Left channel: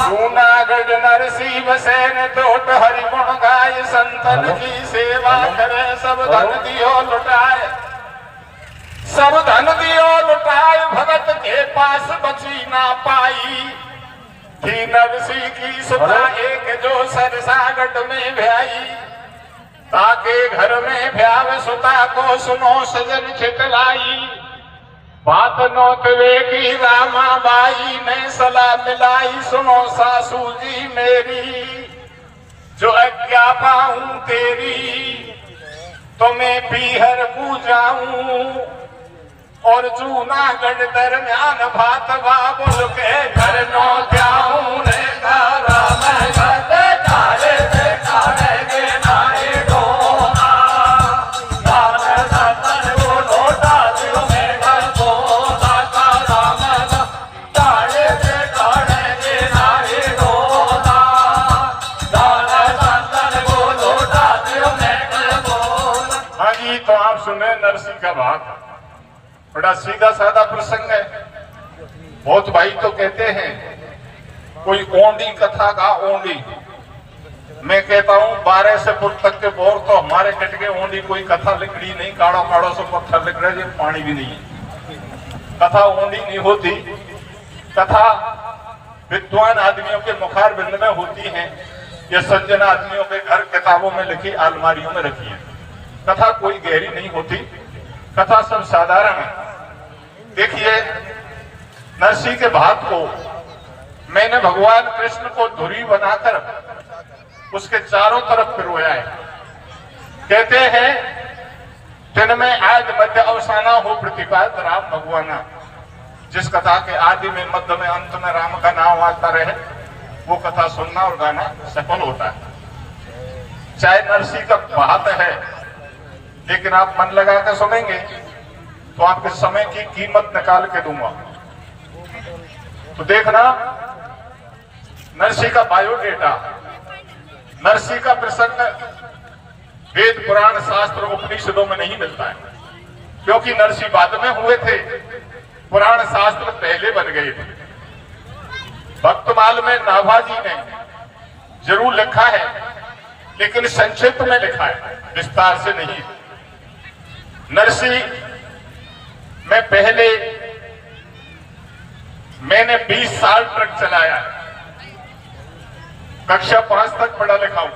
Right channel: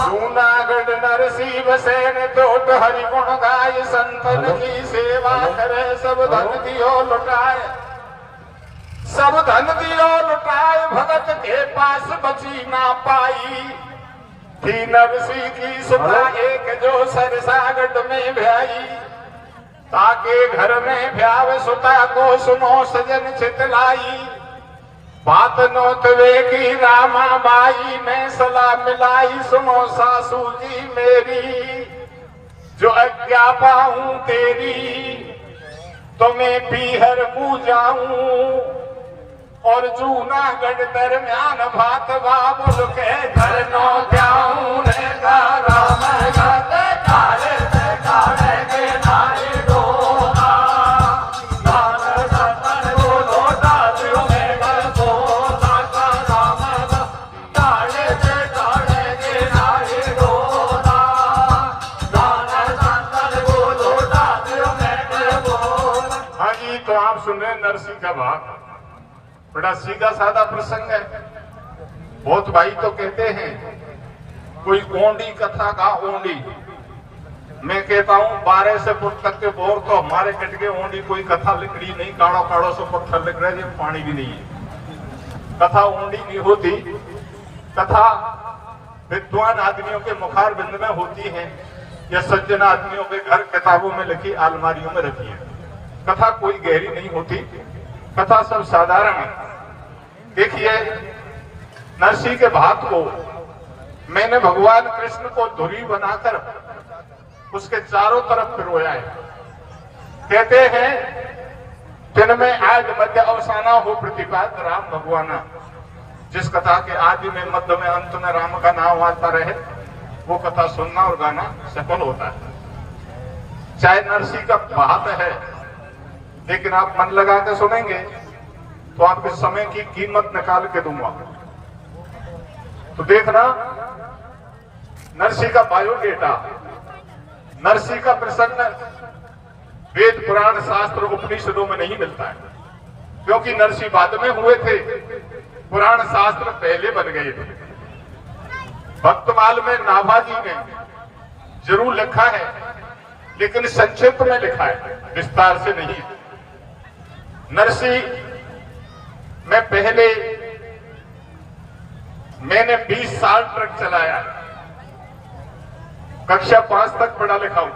जूनागढ़ नरसी बसेन तोट हरि गुण गाय संतन की सेवा करे सब धन दियो लुटाए, सब धन दियो लुटाए भगत के पास बची ना पाई। थी नरसी की सुधा एक जो सरसागट में भ्याई, ताके घर में भ्याव सुता को सुनो सजन छिटलाई। बात नोत वे की रामा बाई ने सलाह मिलाई, सुनो सासू जी मेरी जो आज्ञा पाऊं तेरी, तो मैं पीहर पूजाऊं और जूनागढ़ दरम्यान भात बाबुल के घर नो जाऊं रे गारा में गते काले से काले के नाये डोना, गाने सतन को लोटा दियो मेरा बोला कारा में काले से काले के नाये डोना, गाने सतन को लोटा दियो मेरा बोला। हाँ जी, तो आप सुन रहे नरसी का भाग, बड़ा सीधा साधा प्रसंग है। बहुत भाई तो कहते हैं कोई ओंडी कथा का ओंडी, मैं कहता हूं 12 से फुट तक के बोर तो हमारे कट के ओंडी कोई कथा लिखड़ी नहीं, काड़ो काड़ो से पत्थर लिख रहे, पानी भी नहीं है। कथा ओंडी नहीं होती, कथा विद्वान आदमियों के मुखार बिंद में होती है, ये सज्जन आदमियों के घर किताबों में लिखी अलमारियों में रखी है। कथा कोई गहरी नहीं होती, कथा सब साधारण है। देखिए नरसी के भाग को मैंने भगवान कृष्ण को धुरी बनाकर उसके चारों तरफ पिरोया है। कहते हैं दिन में आद मध्य अवसाना हो प्रतिपाद राम भगवाना, जिस कथा के आदि में मध्य में अंत में राम का नाम आता रहे वो कथा सुनना और गाना सफल होता है। चाहे नरसी का बात है, लेकिन आप मन लगा कर सुनेंगे तो आपके समय की कीमत निकाल के दूंगा। तो देखना नरसी का बायोडेटा, नरसी का प्रसंग वेद पुराण शास्त्र उपनिषदों में नहीं मिलता है, क्योंकि नरसी बाद में हुए थे, पुराण शास्त्र पहले बन गए थे। भक्तमाल में नाभाजी ने जरूर लिखा है, लेकिन संक्षिप्त में लिखा है, विस्तार से नहीं। नरसी में पहले मैंने 20 साल ट्रक चलाया, कक्षा 5 तक पढ़ा लिखा हूं,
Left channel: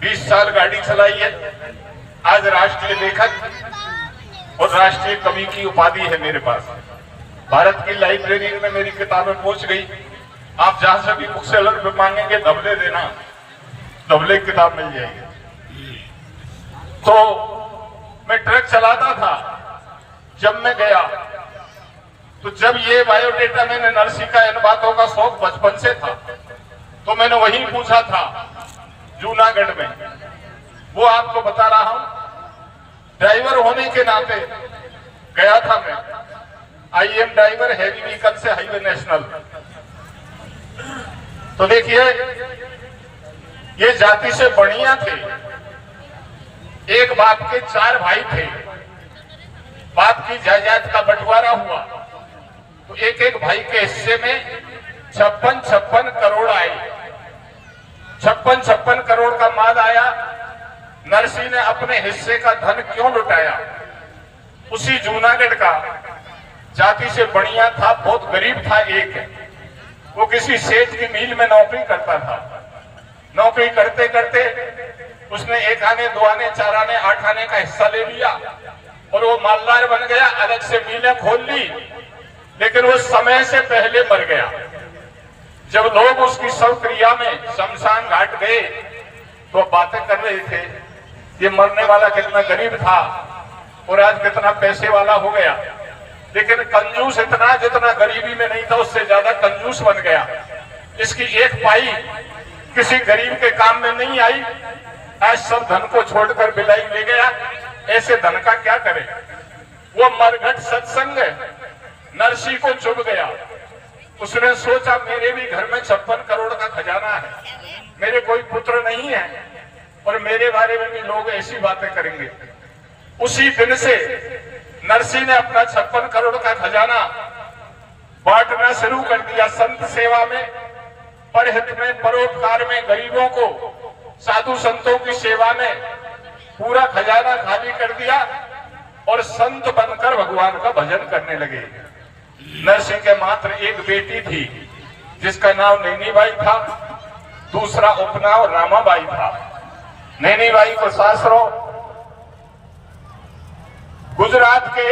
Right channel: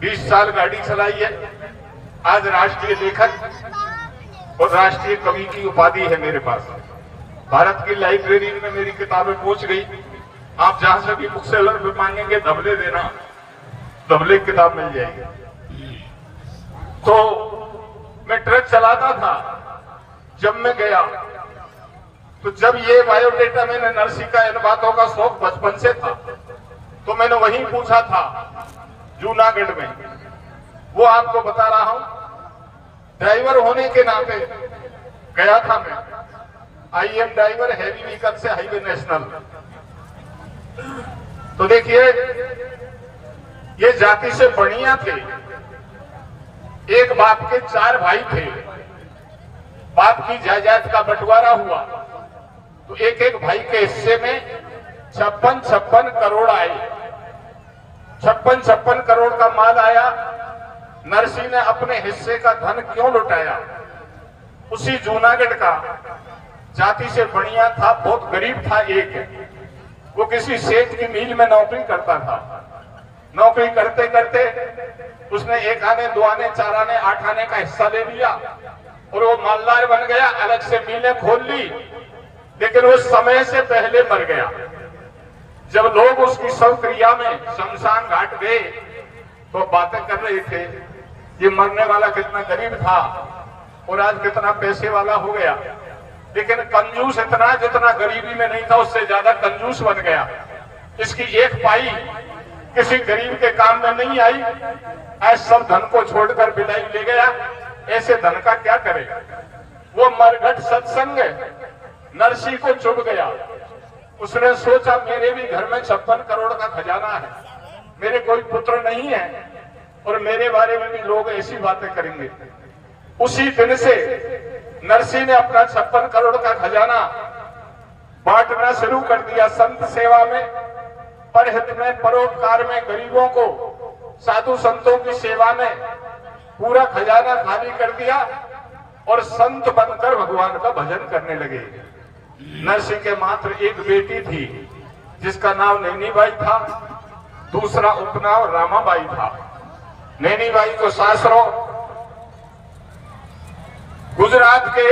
20 साल गाड़ी चलाई है। आज राष्ट्रीय लेखक और राष्ट्रीय कवि की उपाधि है मेरे पास। भारत की लाइब्रेरी में मेरी किताबें पहुंच गई। आप जहां से भी बुक सेलर पे मांगेंगे धबले देना, धबले किताब मिल जाएगी। तो मैं ट्रक चलाता था जब मैं गया, तो जब ये बायोडेटा मैंने नरसी का इन बातों का शौक बचपन से था, तो मैंने वही पूछा था जूनागढ़ में। वो आपको बता रहा हूं। ड्राइवर होने के नाते गया था मैं, IM ड्राइवर हैवी व्हीकल से हाईवे नेशनल। तो देखिए ये जाति से बढ़िया थे, एक बाप के 4 भाई थे। बाप की जायदाद का बंटवारा हुआ तो एक एक भाई के हिस्से में 56 करोड़ आए। 56 करोड़ का माल आया। नरसी ने अपने हिस्से का धन क्यों लुटाया? उसी जूनागढ़ का जाति से बढ़िया था, बहुत गरीब था। एक वो किसी सेठ की मिल में नौकरी करता था। नौकरी करते करते उसने 1 आने 2 आने 4 आने 8 आने का हिस्सा ले लिया और वो मालदार बन गया। अलग से मिलें खोल ली, लेकिन वो समय से पहले मर गया। जब लोग उसकी शव क्रिया में शमशान घाट गए तो बातें कर रहे थे, ये मरने वाला कितना गरीब था और आज कितना पैसे वाला हो गया। लेकिन कंजूस इतना जितना गरीबी में नहीं था, उससे ज्यादा कंजूस बन गया। इसकी एक पाई किसी गरीब के काम में नहीं आई। आज सब धन को छोड़कर बिलाई ले गया। ऐसे धन का क्या करे? वो मरघट सत्संग नरसी को चुभ गया। उसने सोचा मेरे भी घर में 56 करोड़ का खजाना है, मेरे कोई पुत्र नहीं है और मेरे बारे में भी लोग ऐसी बातें करेंगे। उसी दिन से नरसिंह ने अपना 56 करोड़ का खजाना बांटना शुरू कर दिया संत सेवा में, परहित में, परोपकार में, गरीबों को, साधु संतों की सेवा में पूरा खजाना खाली कर दिया और संत बनकर भगवान का भजन करने लगे। नरसिंह के मात्र एक बेटी थी जिसका नाम नैनीबाई था, दूसरा उपनाम रामाबाई था। नैनीबाई को सासरों गुजरात के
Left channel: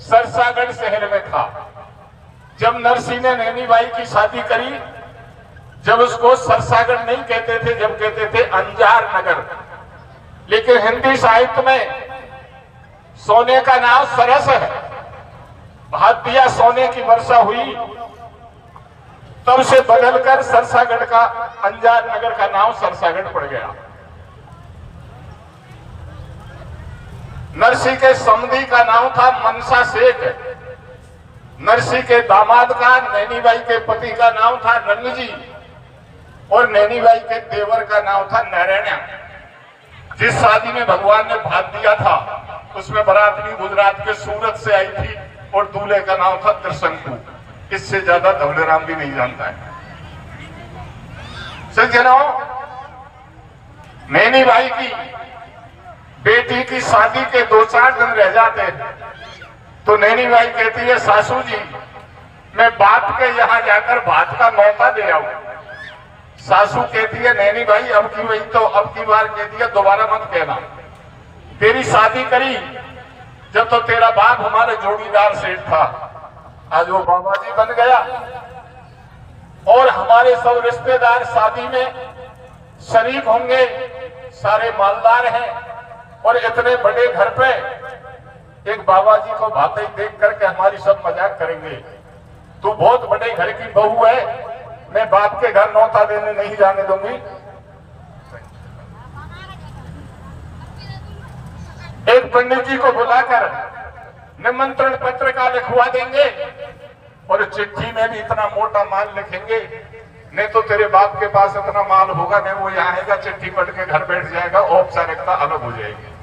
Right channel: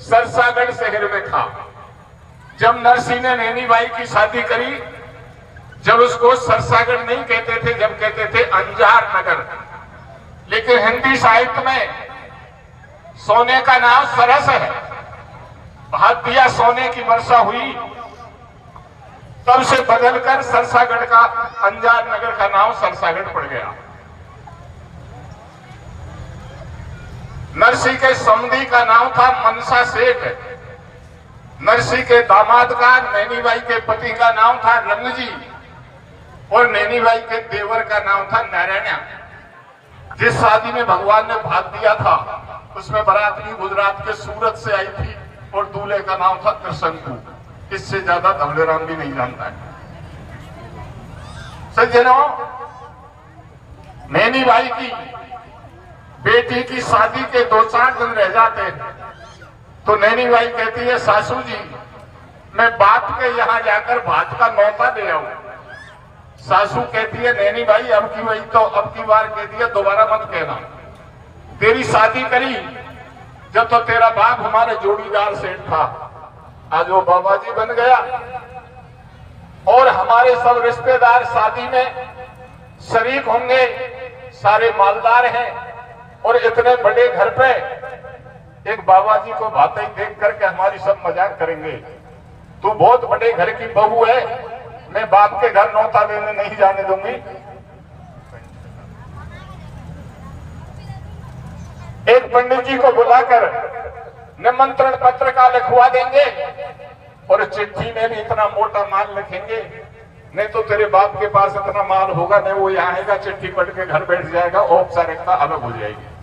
सरसागढ़ शहर में था। जब नरसिंह ने नैनीबाई की शादी करी, जब उसको सरसागढ़ नहीं कहते थे, जब कहते थे अंजार नगर, लेकिन हिंदी साहित्य में सोने का नाम सरस है। हाथ दिया सोने की वर्षा हुई, तब से बदलकर सरसागढ़ का, अंजार नगर का नाम सरसागढ़ पड़ गया। नरसिंह के समधी का नाम था मनसा सेठ। नरसिंह के दामाद का, नैनीबाई के पति का नाम था रंगजी और नैनीबाई के देवर का नाम था नारायणा। जिस शादी में भगवान ने भाग दिया था उसमें बरातरी गुजरात के सूरत से आई थी और दूल्हे का नाम था त्रिशंकु। इससे ज्यादा धवलेराम भी नहीं जानता है। सज्जनों, नैनीबाई की बेटी की शादी के 2-4 दिन रह जाते तो नैनीबाई कहती है, सासू जी मैं बाप के यहां जाकर भात का न्योता दे आऊं। सासू कहती है, नैनीबाई अब की वही तो अब की बार कह दिया, दोबारा मत कहना। तेरी शादी करी जब तो तेरा बाप हमारे जोड़ीदार सेठ था, आज वो बाबा जी बन गया और हमारे सब रिश्तेदार शादी में शरीक होंगे, सारे मालदार हैं और इतने बड़े घर पे एक बाबा जी को बातें देख करके हमारी सब मजाक करेंगे। तू बहुत बड़े घर की बहू है, मैं बाप के घर न्योता देने नहीं जाने दूंगी। एक पंडित जी को बुलाकर निमंत्रण पत्र का लिखवा देंगे और चिट्ठी में भी इतना मोटा माल लिखेंगे, नहीं तो तेरे बाप के पास इतना माल होगा नहीं, वो यहाँ आएगा, चिट्ठी पढ़ के घर बैठ जाएगा, औपचारिकता अलग हो जाएगी।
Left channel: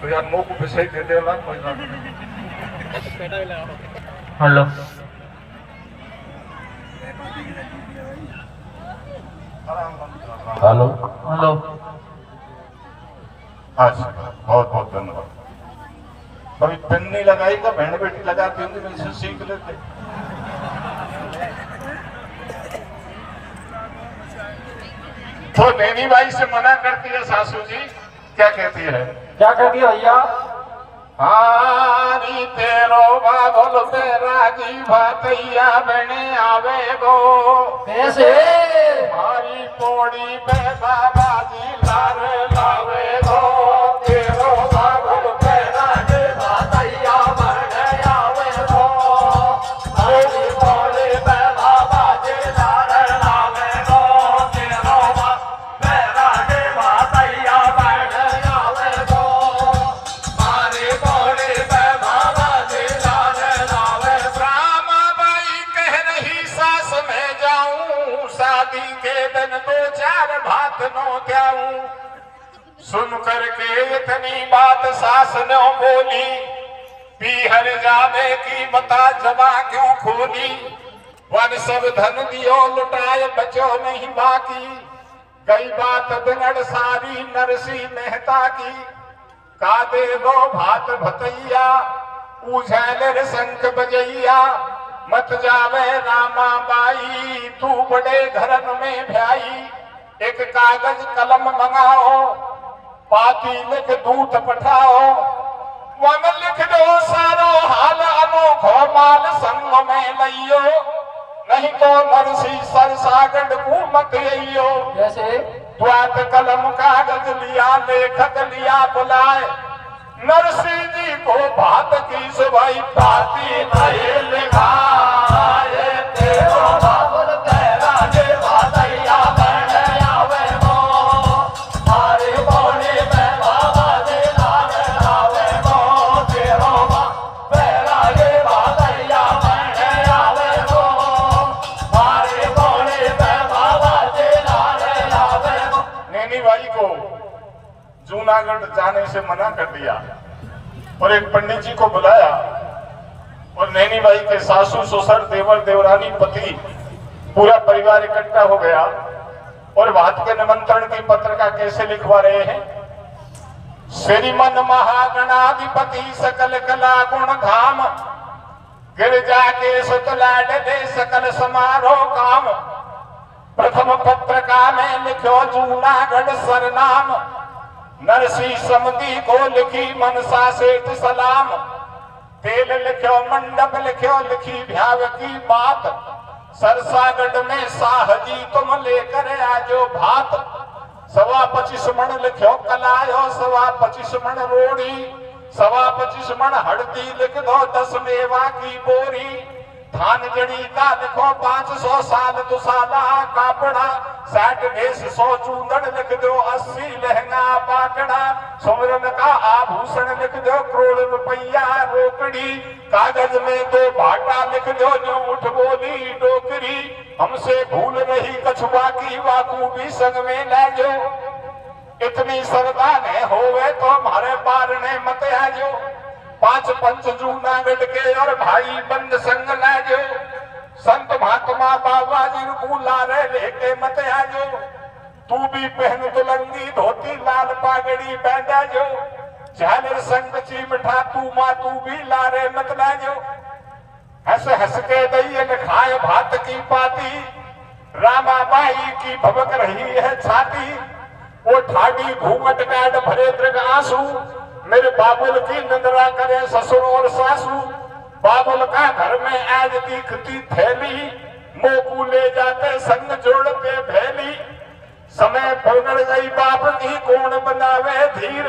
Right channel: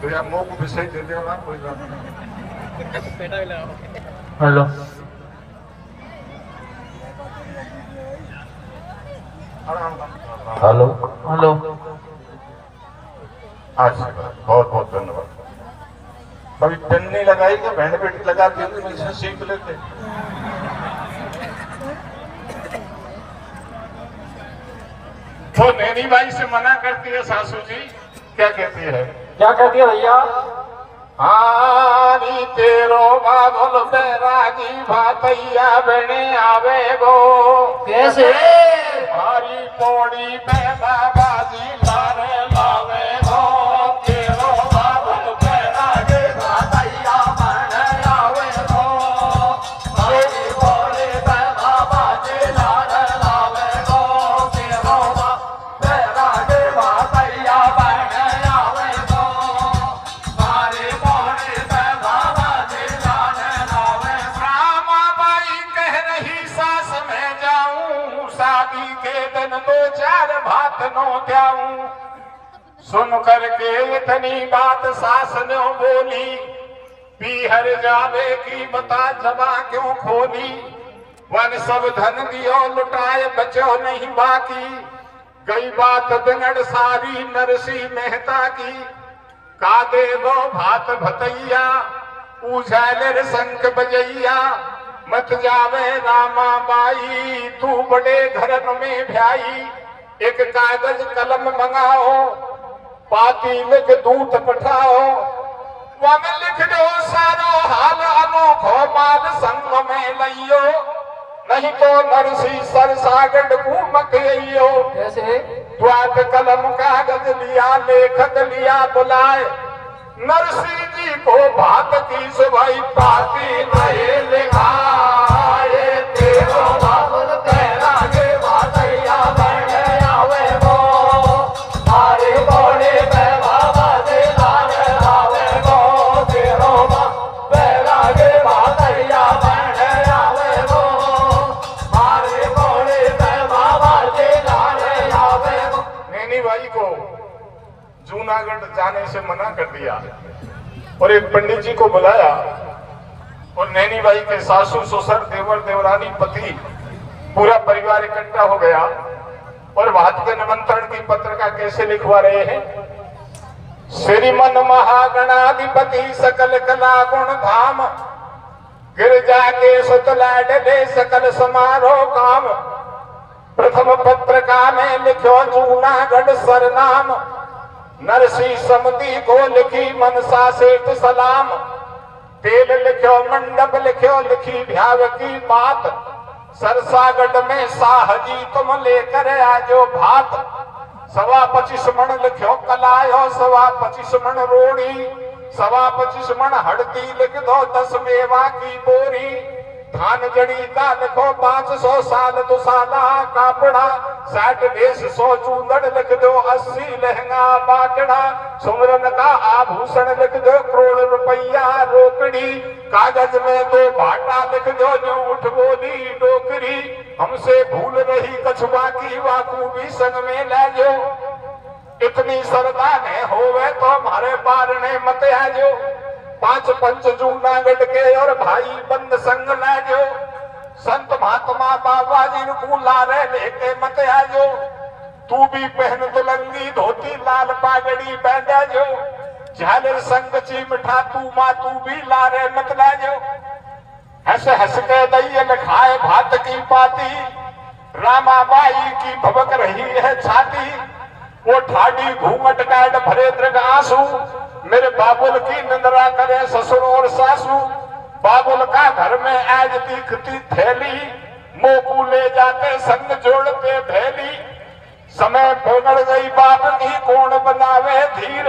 तो यार मुंह को विषय दे दे ना, कोई बात नहीं। हेलो हेलो हेलो, अच्छा बहुत बहुत धन्यवाद। कभी पेन नहीं लगाएगा, बहन बेटी लगाती होंगी, मुझसे सीख लेते। तो नैनीबाई से मना करती है सासू जी, क्या कहती है? क्या कहती है भैया? हारी तेरो बाबल तेरा जी भातैया बने आवे वो कैसे? हरी पौड़ी पे बाबा जी लारे लावे वो, तेरो बाबल तेरा जी भातैया बने आवे वो, हरी पौड़ी पे बाबा जी लारे लावे वो, तेरो बाबल तेरा जी भातैया बने आवे वो, हरी पौड़ी पे बाबा जी लारे लावे। रामाबाई कह रही सास में जाऊं, शादी के दिन 2-4 भात नो त्याऊं। सुन करके इतनी बात सास ने बोली, पीहर जावे की बता जबा क्यों खोली। वन सब धन दियो लुटाए बचो नहीं बाकी, गई बात बिगड़ सारी नरसिंह मेहता की। का दे वो भात भतैया उझल संत बजैया, मत जावे रामाबाई तू बड़े घर में भ्याई। एक कागज कलम मंगाओ, पाती लिख दूत पठाओ, मन लिख दो सारो हाल अनोखो माल संग में लइयो, नहीं तो नरसिंह सरसागढ़ को मत अइयो। कैसे? द्वात कलम कागज लिया, लेखक लिया बुलाए, नरसिंह जी को भात की सवाई पाती नहीं लिखाए। तेरो बाबल तेरा जे भातैया बने आवे वो, हरी पौड़ी पे बाबा जी लागे आवे वो, तेरो बाबल तेरा जे भातैया बने आवे वो, हरी पौड़ी पे बाबा जी लागे आवे वो। नैनीबाई को जूनागढ़ जाने से मना कर दिया और एक पंडित जी को बुलाया और नैनी बाई के सासू ससुर देवर देवरानी पति पूरा परिवार इकट्ठा हो गया और बात के निमंत्रण की पत्रिका कैसे लिखवा रहे हैं। श्रीमन महागणाधिपति सकल कला गुण धाम गिरजा के सुतला डे सकल समारोह काम। प्रथम पत्रिका में लिखो जूनागढ़ सरनाम नरसी समिति को लिखी मनसा सेठ सलाम। तेल लिखो मंडप लिखो लिखी भ्याव की बात। सरसागढ़ में साहजी तुम लेकर आजो भात। 25 मण लिखो कलायो 25 मण रोड़ी। 25 मण हल्दी लिख दो 10 मेवा की बोरी। थान जड़ी का लिखो 500 साल दुसाला कापड़ा। 60 भेष 100 चूंदड़ लिख दो 80 लहंगा बाटड़ा। सुमरन का आभूषण लिख दो करोड़ रुपया रोकड़ी। कागज में 2 भाटा लिख दो जो उठ बोली डोकरी। हमसे भूल रही कछुआ की वाकू भी संग में ले जो। इतनी श्रद्धा ने होवे तो हमारे बारने मत आजो। 5 पंच जूनागढ़ के और भाई बंद संग लाजो। संत महात्मा बाबा जिनको लारे लेके मत आजो। तू भी पहन दुलंगी धोती लाल पागड़ी बैठा जो। झालर संग चिमठा तू माँ तू भी लारे मत लाजो। हंस हंस के दैयल खाए भात की पाती। रामा बाई की भबक रही है छाती। वो ठाडी घूंघट काट भरे दृग आंसू। मेरे बाबुल की निंदरा करे ससुर और सासू। बाबुल का घर में आज दिखती थैली। मोकू ले जाते संग जोड़ते भैली। समय बिगड़ गई बाप की कौन बनावे धीर।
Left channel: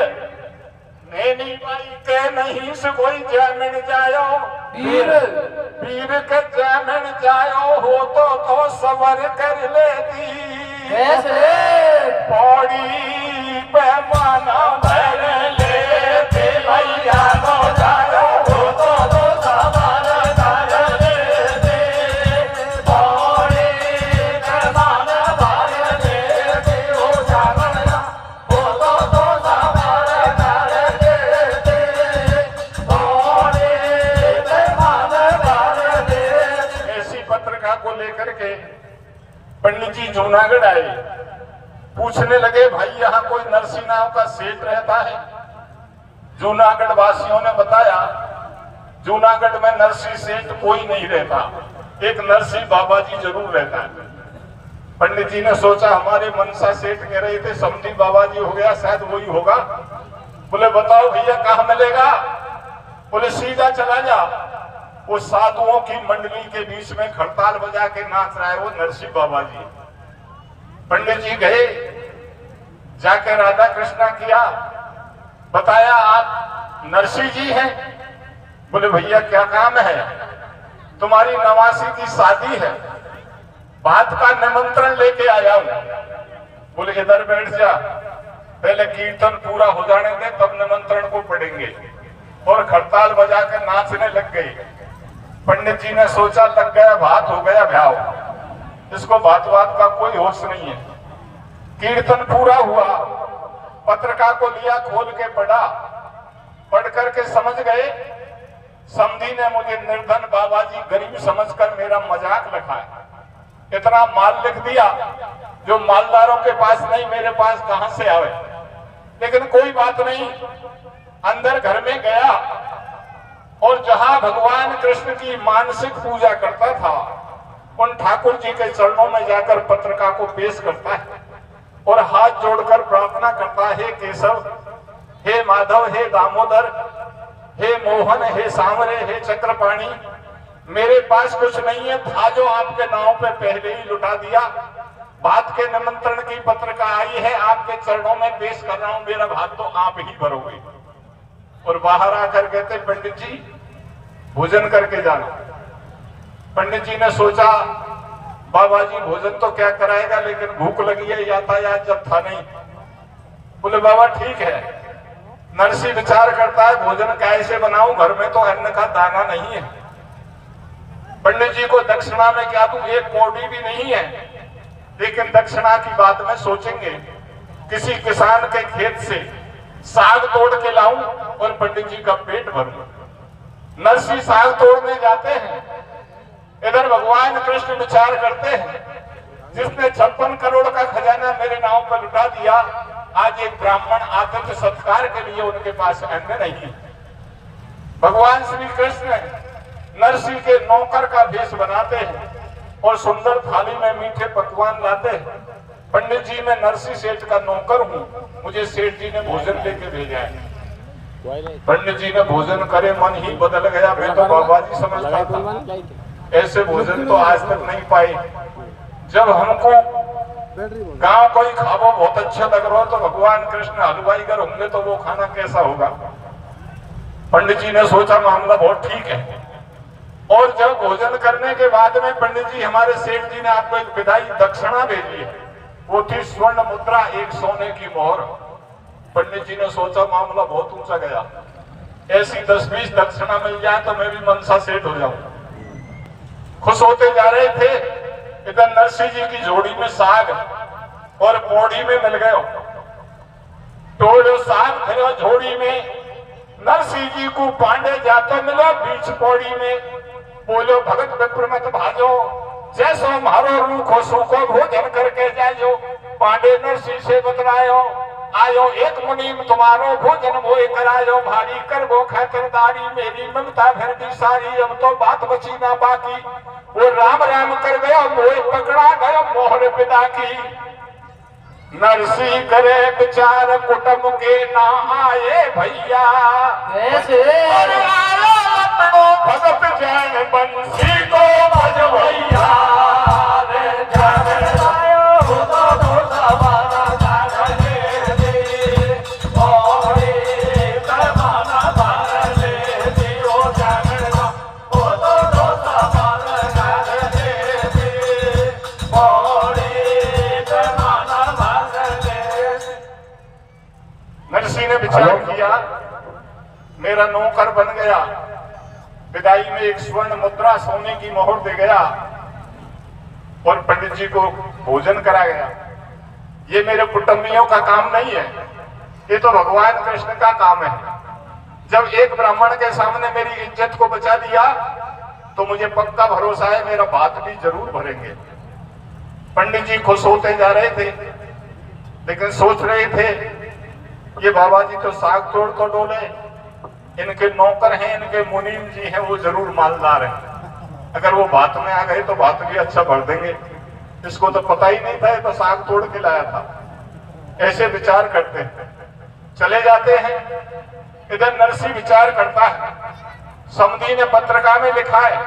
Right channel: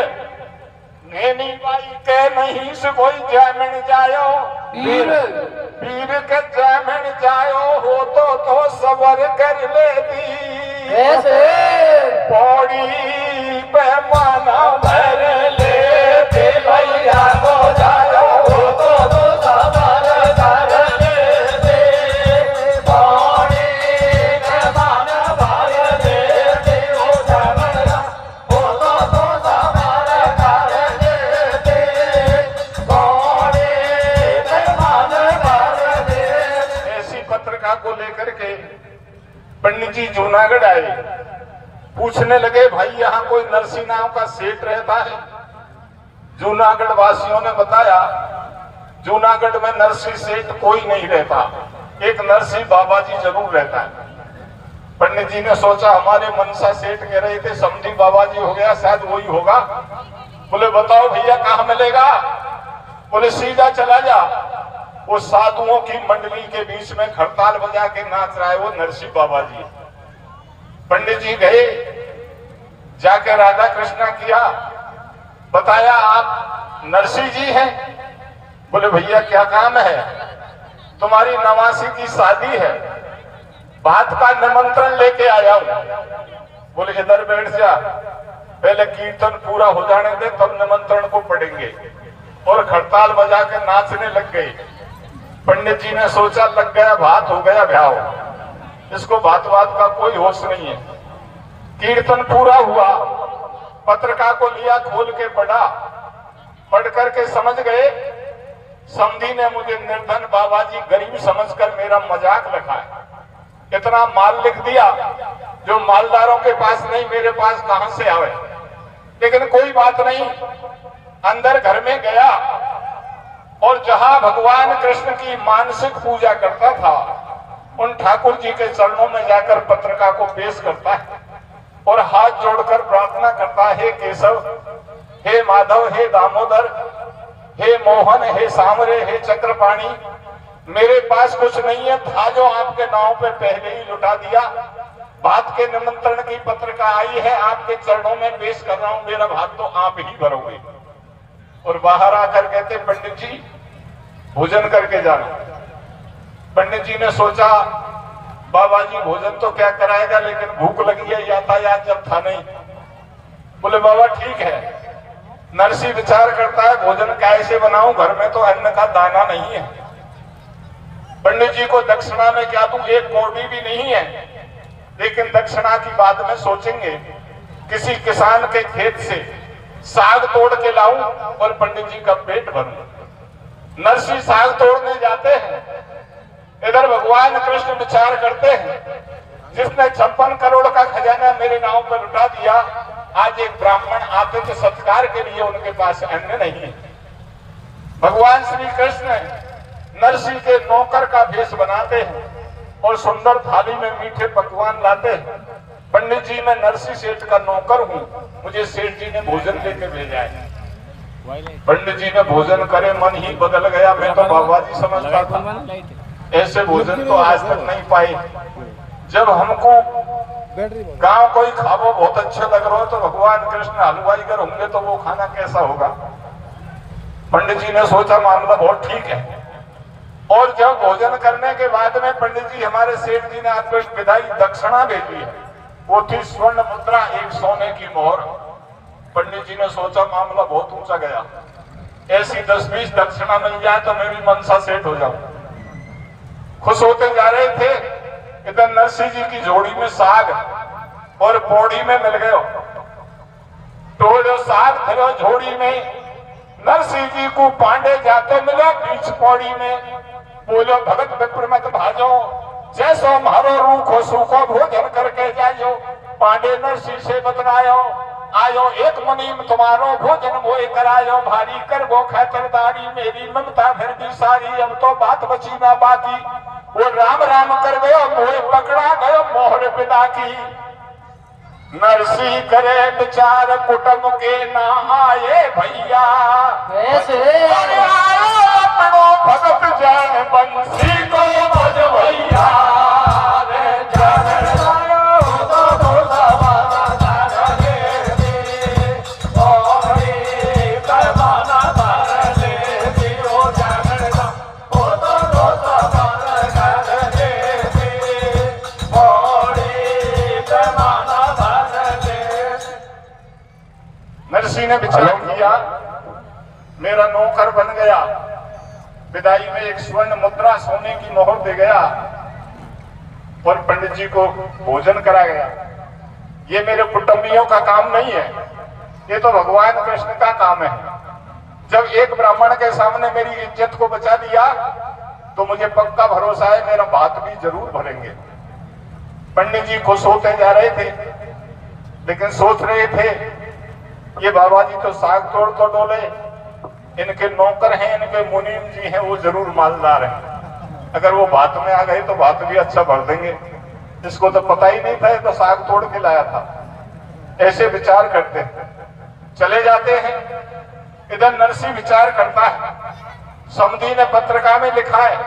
नैनी बाई के नहीं से कोई जैमिन जायो। वीर के जैमिन जायो हो तो सबर कर लेती। पौड़ी पे माना भर ले भैया को जायो हो तो सबर कर लेती। पौड़ी पे माना भर ले हो जामला हो तो सबर कर लेती। पौड़ी पे माना भर ले। ऐसी पत्रिका को लेकर के पंडित जी जूनागढ़ आए। पूछने लगे भाई यहाँ कोई नरसी नाव का सेठ रहता है। जूनागढ़ वासियों ने बताया जूनागढ़ में नरसी सेठ कोई नहीं रहता। एक नरसी बाबा जी जरूर रहता है। पंडित जी ने सोचा हमारे मनसा सेठ कह रहे थे समधी बाबा जी हो गया शायद वही होगा। बोले बताओ भैया कहाँ मिलेगा। बोले सीधा चला जा। वो साधुओं की मंडली के बीच में खड़ताल बजा के नाच रहा है वो नरसी बाबा जी। पंडित जी गए जाके राधा कृष्णा किया। बताया आप नरसी जी हैं। बोले भैया क्या काम है। तुम्हारी नवासी की शादी है बात का निमंत्रण लेके आया हूं। बोले इधर बैठ जा पहले कीर्तन पूरा हो जाने दे तब निमंत्रण को पढ़ेंगे। और खड़ताल बजा के नाचने लग गए। पंडित जी ने सोचा लग गया बात हो गया भ्याव। इसको बात का कोई होश नहीं है। कीर्तन पूरा हुआ। पत्रिका को लिया खोल के पढ़ा। पढ़ करके समझ गए समधी ने मुझे निर्धन बाबा जी गरीब समझकर मेरा मजाक रखा है। इतना माल लिख दिया जो मालदारों के पास नहीं मेरे पास कहां से आवे। लेकिन कोई बात नहीं। अंदर घर में गया और जहां भगवान कृष्ण की मानसिक पूजा करता था उन ठाकुर जी के चरणों में जाकर पत्रिका को पेश करता है और हाथ जोड़कर प्रार्थना करता है हे केशव हे माधव हे दामोदर हे मोहन हे सामरे हे चक्रपाणी मेरे पास कुछ नहीं है था जो आपके नाव पे पहले ही लुटा दिया। बात के निमंत्रण की पत्रिका आई है आपके चरणों में पेश कर रहा हूं मेरा भाग तो आप ही भरोगे। और बाहर आकर कहते पंडित जी भोजन करके जाना। पंडित जी ने सोचा बाबा जी भोजन तो क्या कराएगा लेकिन भूख लगी है यातायात जब था नहीं। बोले बाबा ठीक है। नरसी विचार करता है भोजन कैसे बनाऊं घर में तो अन्न का दाना नहीं है। पंडित जी को दक्षिणा में क्या दूं एक कौड़ी भी नहीं है। लेकिन दक्षिणा की बात में सोचेंगे किसी किसान के खेत से साग तोड़ के लाऊं और पंडित जी का पेट भरूं। नरसिंह साग तोड़ने जाते हैं, इधर भगवान कृष्ण विचार करते हैं, जिसने 56 करोड़ का खजाना मेरे नाव पर लुटा दिया, आज एक ब्राह्मण आतिथ्य सत्कार के लिए उनके पास अन्न नहीं है। भगवान श्री कृष्ण नरसिंह के नौकर का भेष बनाते हैं और सुंदर थाली में मीठे पकवान लाते हैं। पंडित जी, मैं नरसिंह सेठ का नौकर हूँ, मुझे सेठ जी ने भोजन लेके भेजा है। पंडित जी ने भोजन करे, मन ही बदल गया। मैं तो बाबा जी समझता था, ऐसे भोजन तो आज तक नहीं पाए। जब हमको गांव कोई खावो बहुत अच्छा लग रहा हो तो भगवान कृष्ण हलवाई कर होंगे तो वो खाना कैसा होगा। पंडित जी ने सोचा मामला बहुत ठीक है, और जब भोजन करने के बाद में पंडित जी, हमारे सेठ जी ने आपको एक विदाई दक्षिणा भेजी है, वो थी स्वर्ण मुद्रा, एक सोने की मोहर। पंडित जी ने सोचा मामला बहुत ऊंचा गया, ऐसी 10-20 दक्षिणा मिल जाए तो मैं भी मनसा सेठ हो जाऊं। खुश होते जा रहे थे, इधर नरसिंह जी की झोड़ी में साग और पौड़ी में मिल गयो। टोलो साग फिरो झोड़ी में, नरसिंह जी को पांडे जाते मिलो बीच पौड़ी में। बोलो भगत विप्र मत भाजो, जैसो मारो रूखो सूखो भोजन करके जाइयो। पांडे नरसिंह से बतलायो, आयो एक मुनीम तुम्हारो भोजन मोए करायो। भारी कर गो खातिरदारी, मेरी ममता फिर भी सारी, अब तो बात बची ना बाकी। वो राम राम कर गयो, मोए पकड़ा गयो मोहर पिता की। नरसिंह करे विचार, कुटुंब के ना आए भैया, कैसे भगत जैन बंसी को भजवैया। नरसिंह ने विचार किया, मेरा नौकर बन गया, विदाई में एक स्वर्ण मुद्रा सोने की मोहर दे गया और पंडित जी को भोजन करा गया। ये मेरे कुटुंबियों का काम नहीं है, ये तो भगवान कृष्ण का काम है। जब एक ब्राह्मण के सामने मेरी इज्जत को बचा दिया तो मुझे पक्का भरोसा है मेरा बात भी जरूर भरेंगे। पंडित जी खुश होते जा रहे थे, लेकिन सोच रहे थे ये बाबा जी तो साग तोड़ तो डोले, इनके नौकर हैं, इनके मुनीम जी हैं, वो जरूर मालदार हैं। अगर वो बात में आ गए तो बात भी अच्छा भर देंगे। इसको तो पता ही नहीं था, तो साग तोड़ के लाया था। ऐसे विचार करते चले जाते हैं। इधर नरसिंह विचार करता है, समधी ने पत्रिका में लिखा है,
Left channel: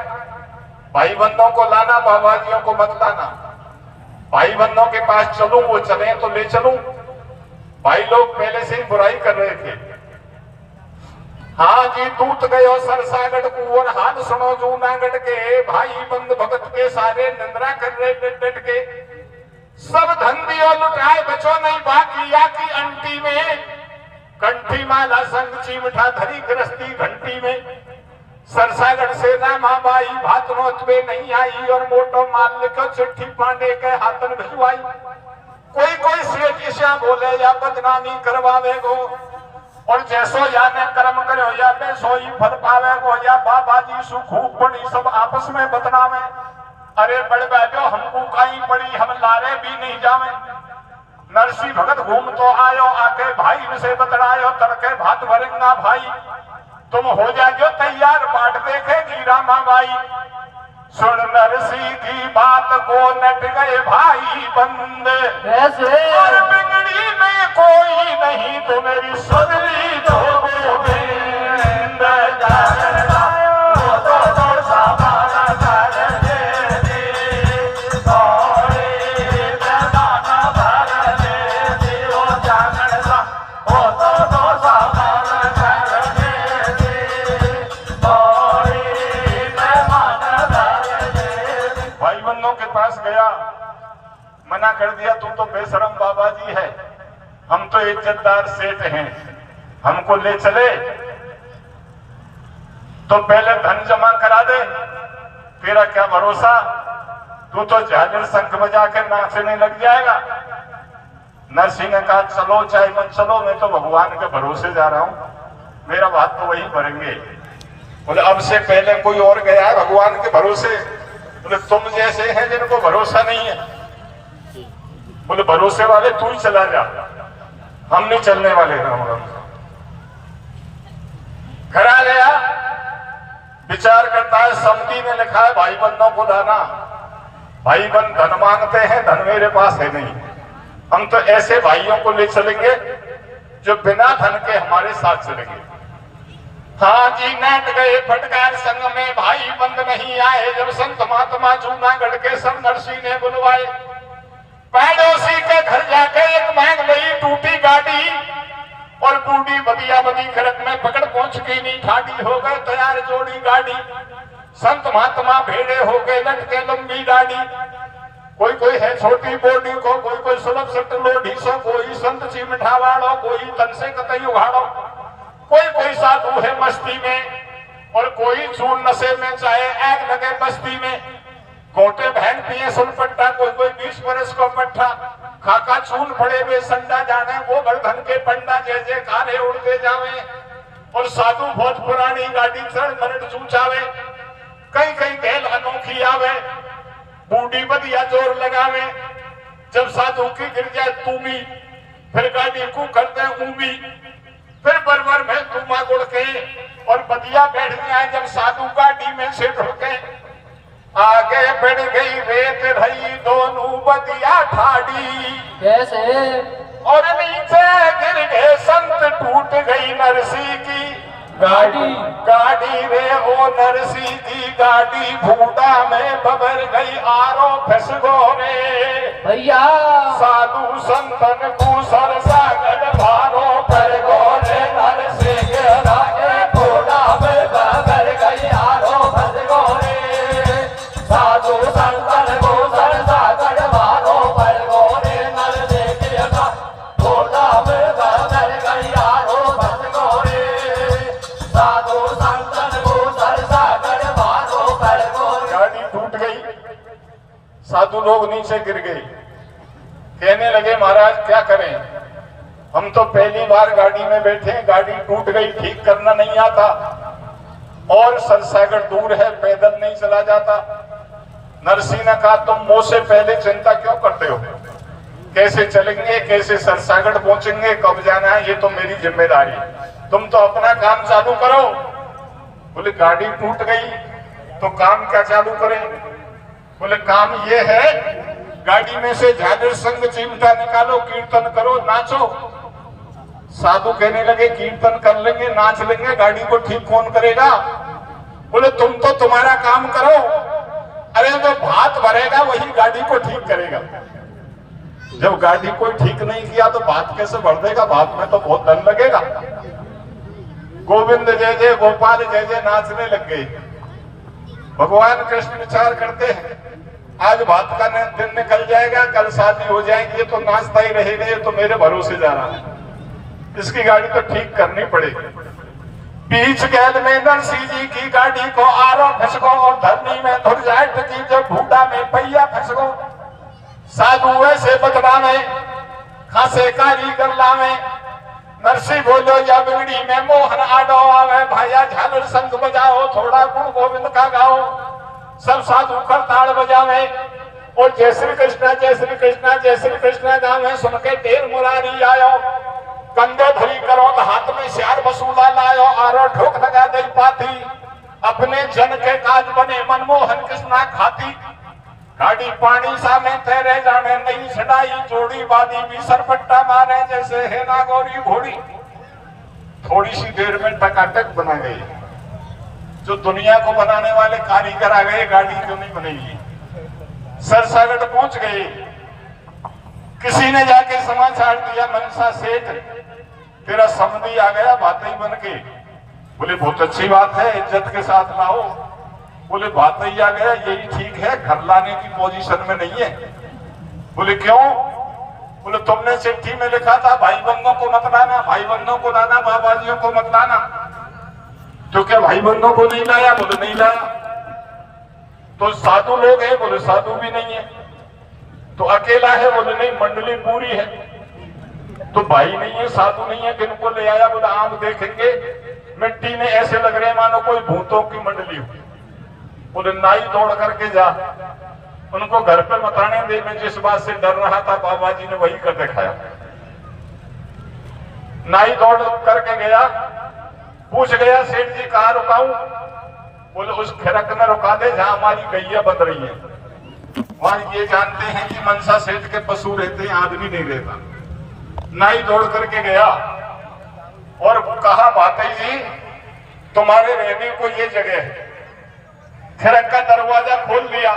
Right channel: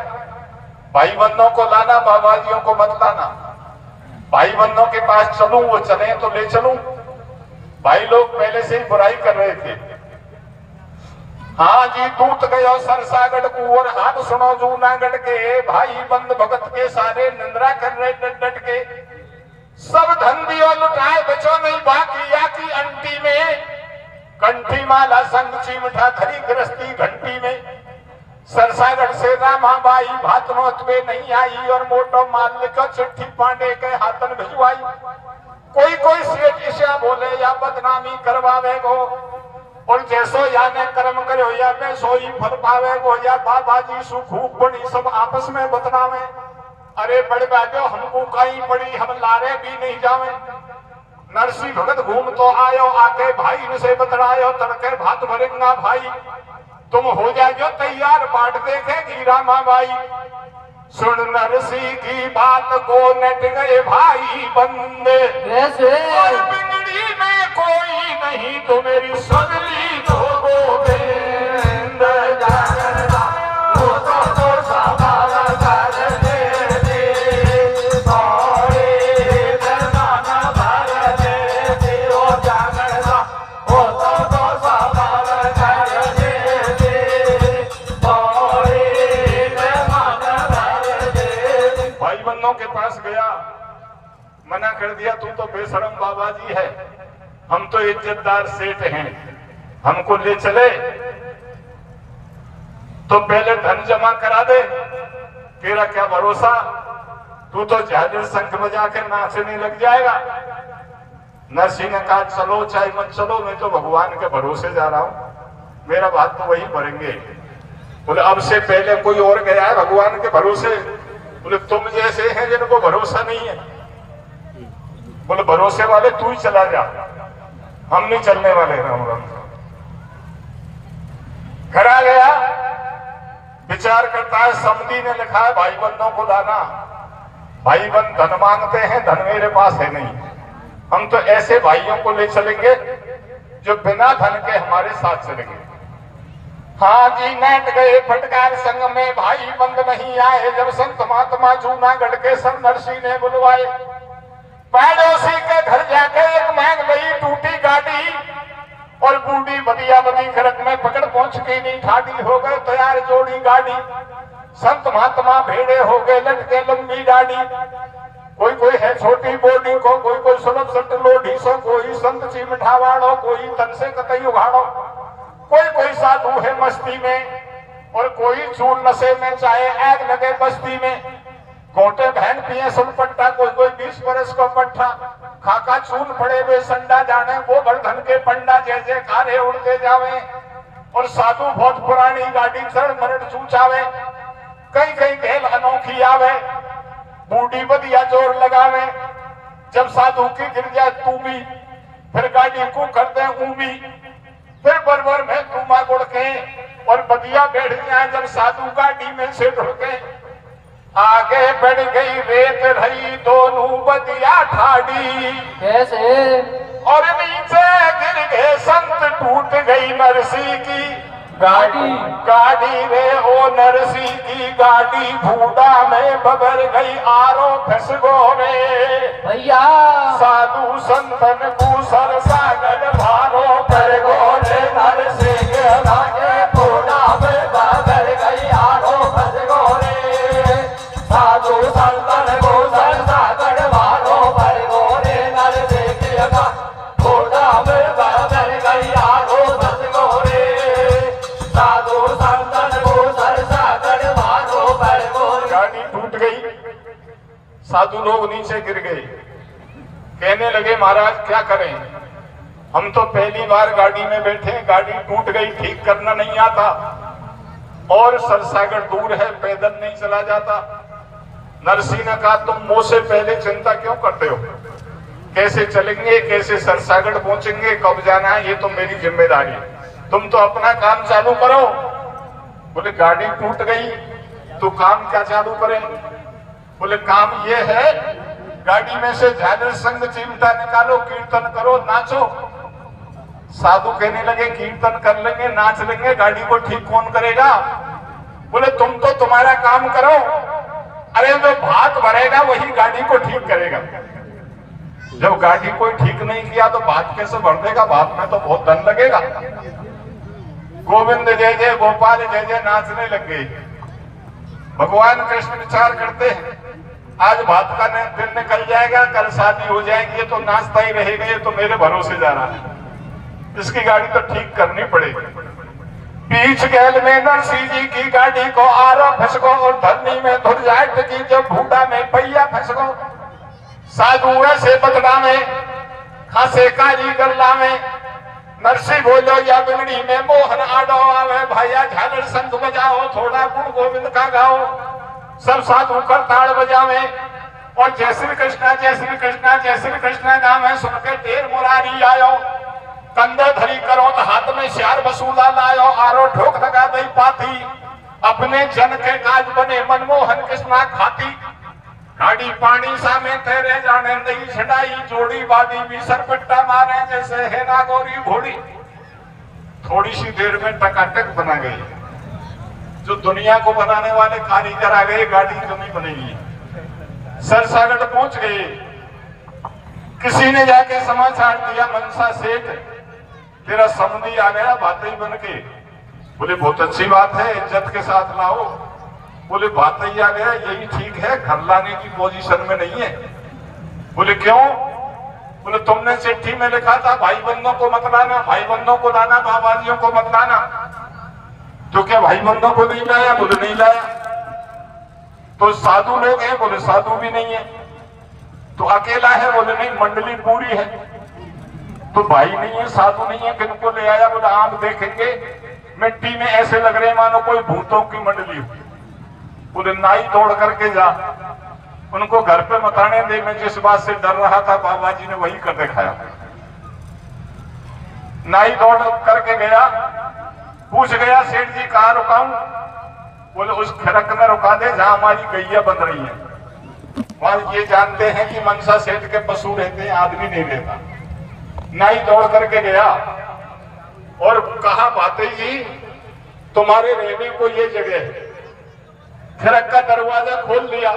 भाई बंधों को लाना, बाबाजियों को मत लाना। भाई बंधों के पास चलूं, वो चले तो ले चलूं। भाई लोग पहले से ही बुराई कर रहे थे। हाँ जी, दूत गयो सरसागढ़ कुंवर, हाथ सुनो जूनागढ़ के। भाई बंद भगत के सारे निंद्रा कर रहे डट डट के। सब धन दियो लुटाए, बचो नहीं बाकी या की अंटी में। कंठी माला संग चिमठा धरी गृहस्थी घंटी में। सरसागढ़ से रामाबाई भात नोतवे नहीं आई, और मोटो माल लिखो चिट्ठी पांडे के हाथन भिजवाई। कोई कोई सेठ ईशा बोले या बदनामी करवावे गो, और जैसो या ने कर्म करो या के सोई फल पावे गो। या बाबा जी सुखूब बड़ी सब आपस में बदनामे। अरे बड़े बाजो हमको कहीं पड़ी, हम लारे भी नहीं जावे। नरसिंह भगत घूम तो आयो, आके भाई से बतलायो, तड़के भात भरेंगा भाई। तुम हो जाओ तैयार, बाट देखेगी रामाबाई। सुन नरसिंह की बात को नट गए भाई बंदे, और बिगड़ी में कोई नहीं तो मेरी सुनली दो गोविंद। के पास गया, मना कर दिया, तू तो बेशरम बाबा जी है, हम तो इज्जतदार सेठ हैं, हमको ले चले तो पहले धन जमा करा दे, तेरा क्या भरोसा, तू तो झालर शंख बजा कर नाचने लग जाएगा। नरसिंह ने कहा चलो चाहे मत चलो, मैं तो भगवान के भरोसे जा रहा हूं, मेरा बात तो वही भरेंगे। बोले अब से पहले कोई और गया भगवान के भरोसे? बोले तुम जैसे हैं जिनको भरोसा नहीं है। बोले भरोसे वाले तू ही चला जा, हम नहीं चलने वाले। राम राम घर आ गया, विचार करता है, समिति ने लिखा है भाई बंधों को लाना। भाई बंद धन मांगते हैं, धन मेरे पास है नहीं। हम तो ऐसे भाइयों को ले चलेंगे जो बिना धन के हमारे साथ चलेंगे। हाँ जी, नाट गए फटकार संग में, भाई बंद नहीं आए। जब संत महात्मा जूनागढ़ के सब नरसिंह ने बुलवाए, पड़ोसी के घर जाकर एक मांग लई टूटी गाड़ी, और बूढ़ी बदिया बदी खरक में पकड़ पहुंच के नहीं ठाडी हो गए तैयार जोड़ी गाड़ी। संत महात्मा भेड़े हो गए लटके लंबी दाढ़ी, कोई है छोटी बोडी को, कोई सुलभ सट लोढ़ी से, कोई संत चिमठा वालो, कोई तन से कतई उघाड़ो, कोई साधु है मस्ती में, और कोई चूर नशे में, चाहे आग लगे बस्ती में। गोटे बहन पिए सुनपट्टा, कोई 20 बरस को पट्टा, खाका चूल पड़े वे संडा, जाने गोवर्धन के पंडा, जैसे काले उड़ते जावे। और साधु बहुत पुरानी गाड़ी चढ़ मरड चूचावे, कई खेल अनोखी आवे, बूढ़ी बदिया जोर लगावे। जब साधु की गिर जाए तूमी, फिर गाड़ी को करते ऊमी, फिर बरबर में तुमा गुड़ के, और बदिया बैठ जाए जब साधु गाड़ी में से ढोके। आगे बढ़ गई रेत रही दोनों बदिया ठाड़ी, कैसे? और नीचे गिर गए संत, टूट गई नरसी की गाड़ी रे। ओ नरसी की गाड़ी भूडा में बगर गई, आरो फंस गो रे भैया। साधु संतन को सर सागर भारो पर गो रे। नरसी के गाड़ी भूडा में बगर गई, आरो फंस गो रे। साधु संतन को सर सागर भारो पर गो रे। नरसी के गाड़ी भूडा में बगर गई, आरो फंस गो रे। साधु संतन को सर सागर भारो पर गो रे। गाड़ी टूट गई, साधु लोग नीचे गिर गए, कहने लगे महाराज क्या करें, हम तो पहली बार गाड़ी में बैठे, गाड़ी टूट गई, ठीक करना नहीं आता, और सरसागर दूर है, पैदल नहीं चला जाता। नरसिंह ने कहा तुम मुझ से पहले चिंता क्यों करते हो, कैसे चलेंगे, कैसे सरसागर पहुंचेंगे, कब जाना है, ये तो मेरी जिम्मेदारी है, तुम तो अपना काम चालू करो। बोले गाड़ी टूट गई तो काम क्या चालू करें? बोले काम ये है, गाड़ी में से झालर संग चिमटा निकालो, कीर्तन करो, नाचो। साधु कहने लगे कीर्तन कर लेंगे, नाच लेंगे, गाड़ी को ठीक कौन करेगा? बोले तुम तो तुम्हारा काम करो, अरे जो भात भरेगा वही गाड़ी को ठीक करेगा। जब गाड़ी कोई ठीक नहीं किया तो भात कैसे भर देगा? भात में तो बहुत धन लगेगा। गोविंद जय जय गोपाल जय जय नाचने लग गए। भगवान कृष्ण विचार करते हैं आज भात का दिन निकल जाएगा, कल शादी हो जाएगी, ये तो नाचता ही रहेगा, ये तो मेरे भरोसे जा रहा है, इसकी गाड़ी तो ठीक करनी पड़ेगी। बीच गैल में नरसिंह जी की गाड़ी को आरो फंसको, और धरनी में धुर जाट की जब भूटा में पहिया फंसको। साधु वैसे बदला में खासे कारीगर लावे, नरसिंह बोलो या बिगड़ी में मोहन आडो आवे। भैया झालर संग बजाओ, थोड़ा गुण गोविंद का गाओ। सब साधु करताल बजावे, और जय श्री कृष्ण जय श्री कृष्ण जय श्री कृष्ण गावे। सुन के ढेर मुरारी आयो, कंधा धरी करो तो हाथ में श्यार बसूला लायो। आरो ठोक लगा दई पाथी, अपने जन के काज बने मनमोहन कृष्णा खाती। गाड़ी पानी सा में तेरे जाने नई छटाई, जोड़ी बादी भी सरपट्टा मारे जैसे है नागौरी घोड़ी। थोड़ी सी देर में टकाटक बना गई, जो दुनिया को बनाने वाले कारीगर आ गए, गाड़ी क्यों नहीं बनेगी। सरसागढ़ पहुंच गए, किसी ने जाके समाचार दिया मनसा सेठ तेरा समधी आ गया, बातें बन के। बोले बहुत अच्छी बात है, इज्जत के साथ लाओ। बोले बात ही आ गया, यही ठीक है, घर लाने की पोजीशन में नहीं है। बोले क्यों? बोले तुमने चिट्ठी में लिखा था भाई बंधों को मत लाना, भाई बंधों को लाना, बाबाजियों को मत लाना। तो क्या भाई बंधों को नहीं लाया? बोले नहीं लाया। तो साधु लोग हैं? बोले साधु भी नहीं है। तो अकेला है? बोले नहीं, मंडली पूरी है। तो भाई नहीं है, साधु नहीं है, किनको ले आया? बोला आप देखेंगे मिट्टी में ऐसे लग रहे मानो कोई भूतों की मंडली हो। बोले नाई दौड़ करके जा, उनको घर पे मत आने दे। मैं जिस बात से डर रहा था बाबा जी ने वही कर दिखाया। नाई दौड़ करके गया, पूछ गया सेठ जी कहाँ रुकाऊं? बोले उस खिड़क में रुका दे जहां हमारी गैया बन रही है। और ये जानते हैं कि मनसा सेठ के पशु रहते हैं, आदमी नहीं रहता। नाई दौड़ करके गया और कहा भाई जी तुम्हारे रहने को ये जगह है। खिड़क का दरवाजा खोल लिया,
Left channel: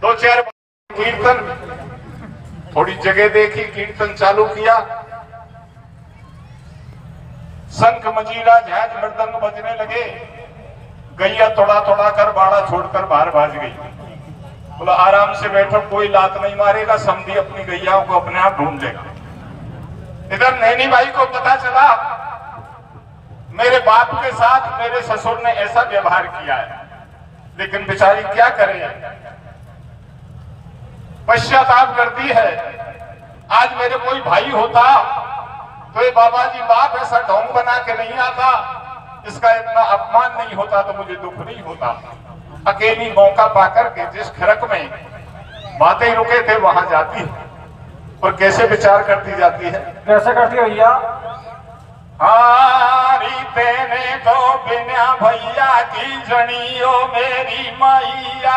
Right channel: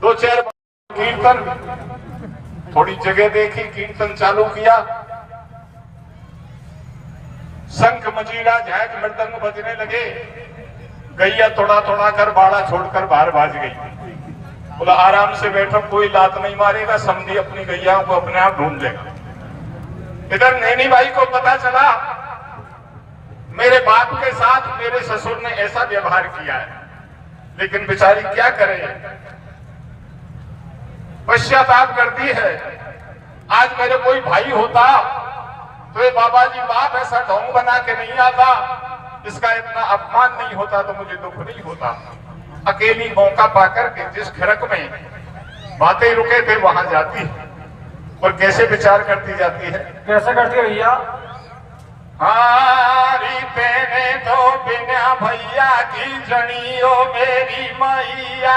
2-4 कीर्तन, थोड़ी जगह देखी, कीर्तन चालू किया, शंख मजीरा झांक मृदंग बजने लगे। गैया थोड़ा थोड़ा कर बाड़ा छोड़कर बाहर भाग गई। बोला आराम से बैठो, कोई लात नहीं मारेगा, समझी अपनी गैया को अपने आप ढूंढ लेगा। इधर नैनी भाई को पता चला मेरे बाप के साथ मेरे ससुर ने ऐसा व्यवहार किया है, लेकिन बेचारी क्या करे, पश्चाताप करती है। आज मेरे कोई भाई होता तो ये बाबा जी बाप ऐसा ढोंग बना के नहीं आता, इसका इतना अपमान नहीं होता तो मुझे दुख नहीं होता। अकेली मौका पाकर के जिस खिड़क में बातें रुके थे वहां जाती है और कैसे विचार करती जाती है। कैसे करती है भैया? हारी तेने तो बिना भैया की जनियो मेरी मैया।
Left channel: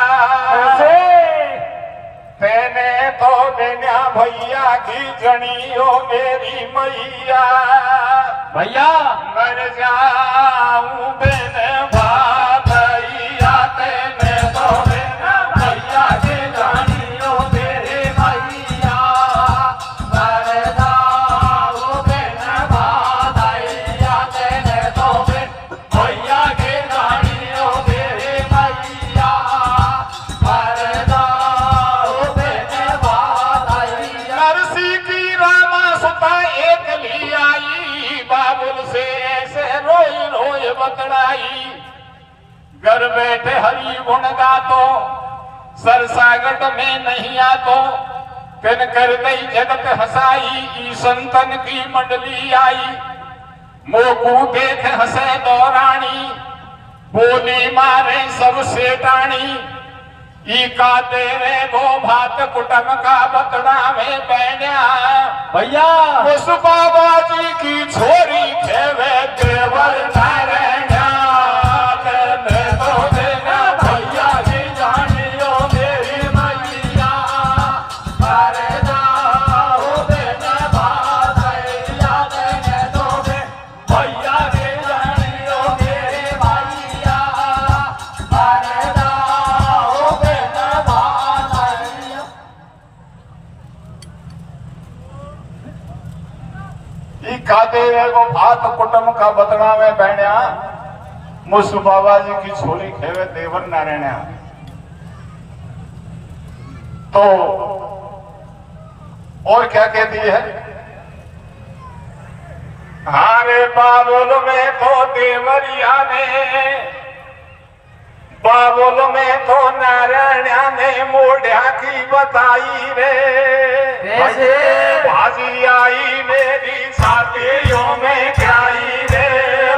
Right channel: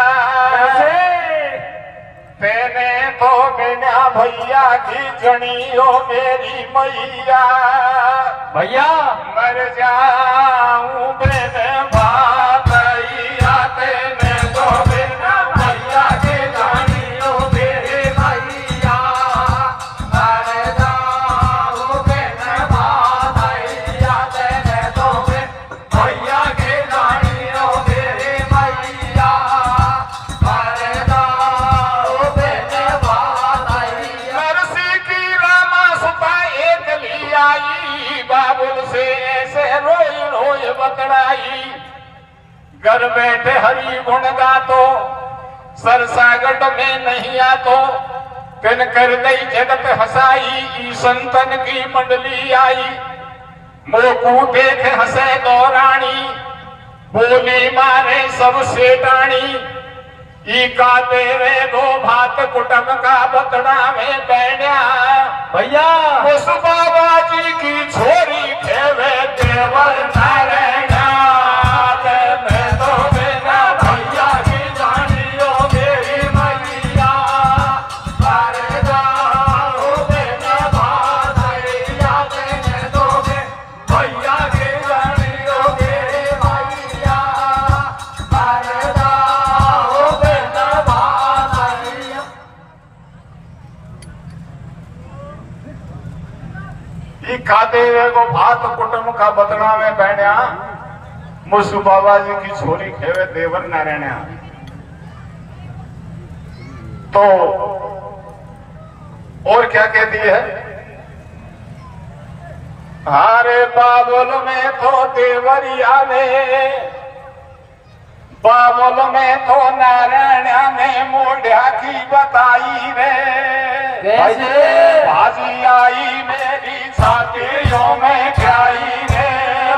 तेने तो बिना भैया की जनियो मेरी मैया। भैया मर जाऊं बिन भागैया, तेने तो बिना भैया की जनियो मेरी मैया। मर जाऊं बिन भागैया, तेने तो बिन भैया की जनियो मेरी मैया। मर जाऊं बिन भागैया। नरसी की रामा सुता एक ली आई, बाबुल से ऐसे रोए रोए बतड़ाई। घर बैठे हरि गुण गा तो सरसागट में नहीं आ तो तिन कर दई जगत हंसाई। ई संतन की मंडली आई, मोकू देख हंसे दौरानी। बोले मारे सब सेठानी, ई का तेरे दो भात कुटुंब का बतड़ा में बैठा। भैया उस बाबा जी की छोरी खेवे देवर नारायणा। तेने तो बिना भैया की जानियो मेरी मैया। मर जाओ बिना भागैया, तेने तो बिन भैया की जानियो मेरी मैया। मर जाओ बिना भागैया। खाते हुए वो भात कुटुंब का बतड़ा में बहना। मुसु बाबा जी की छोरी खेवे देवन नारायण। तो और क्या कहती है? हारे बाबुल में तो देवरिया ने, बाबुल में तो नारायण ने मोढ़ा की बताई रे। कैसे? भाजी आई मेरी छातियों में खाई रे।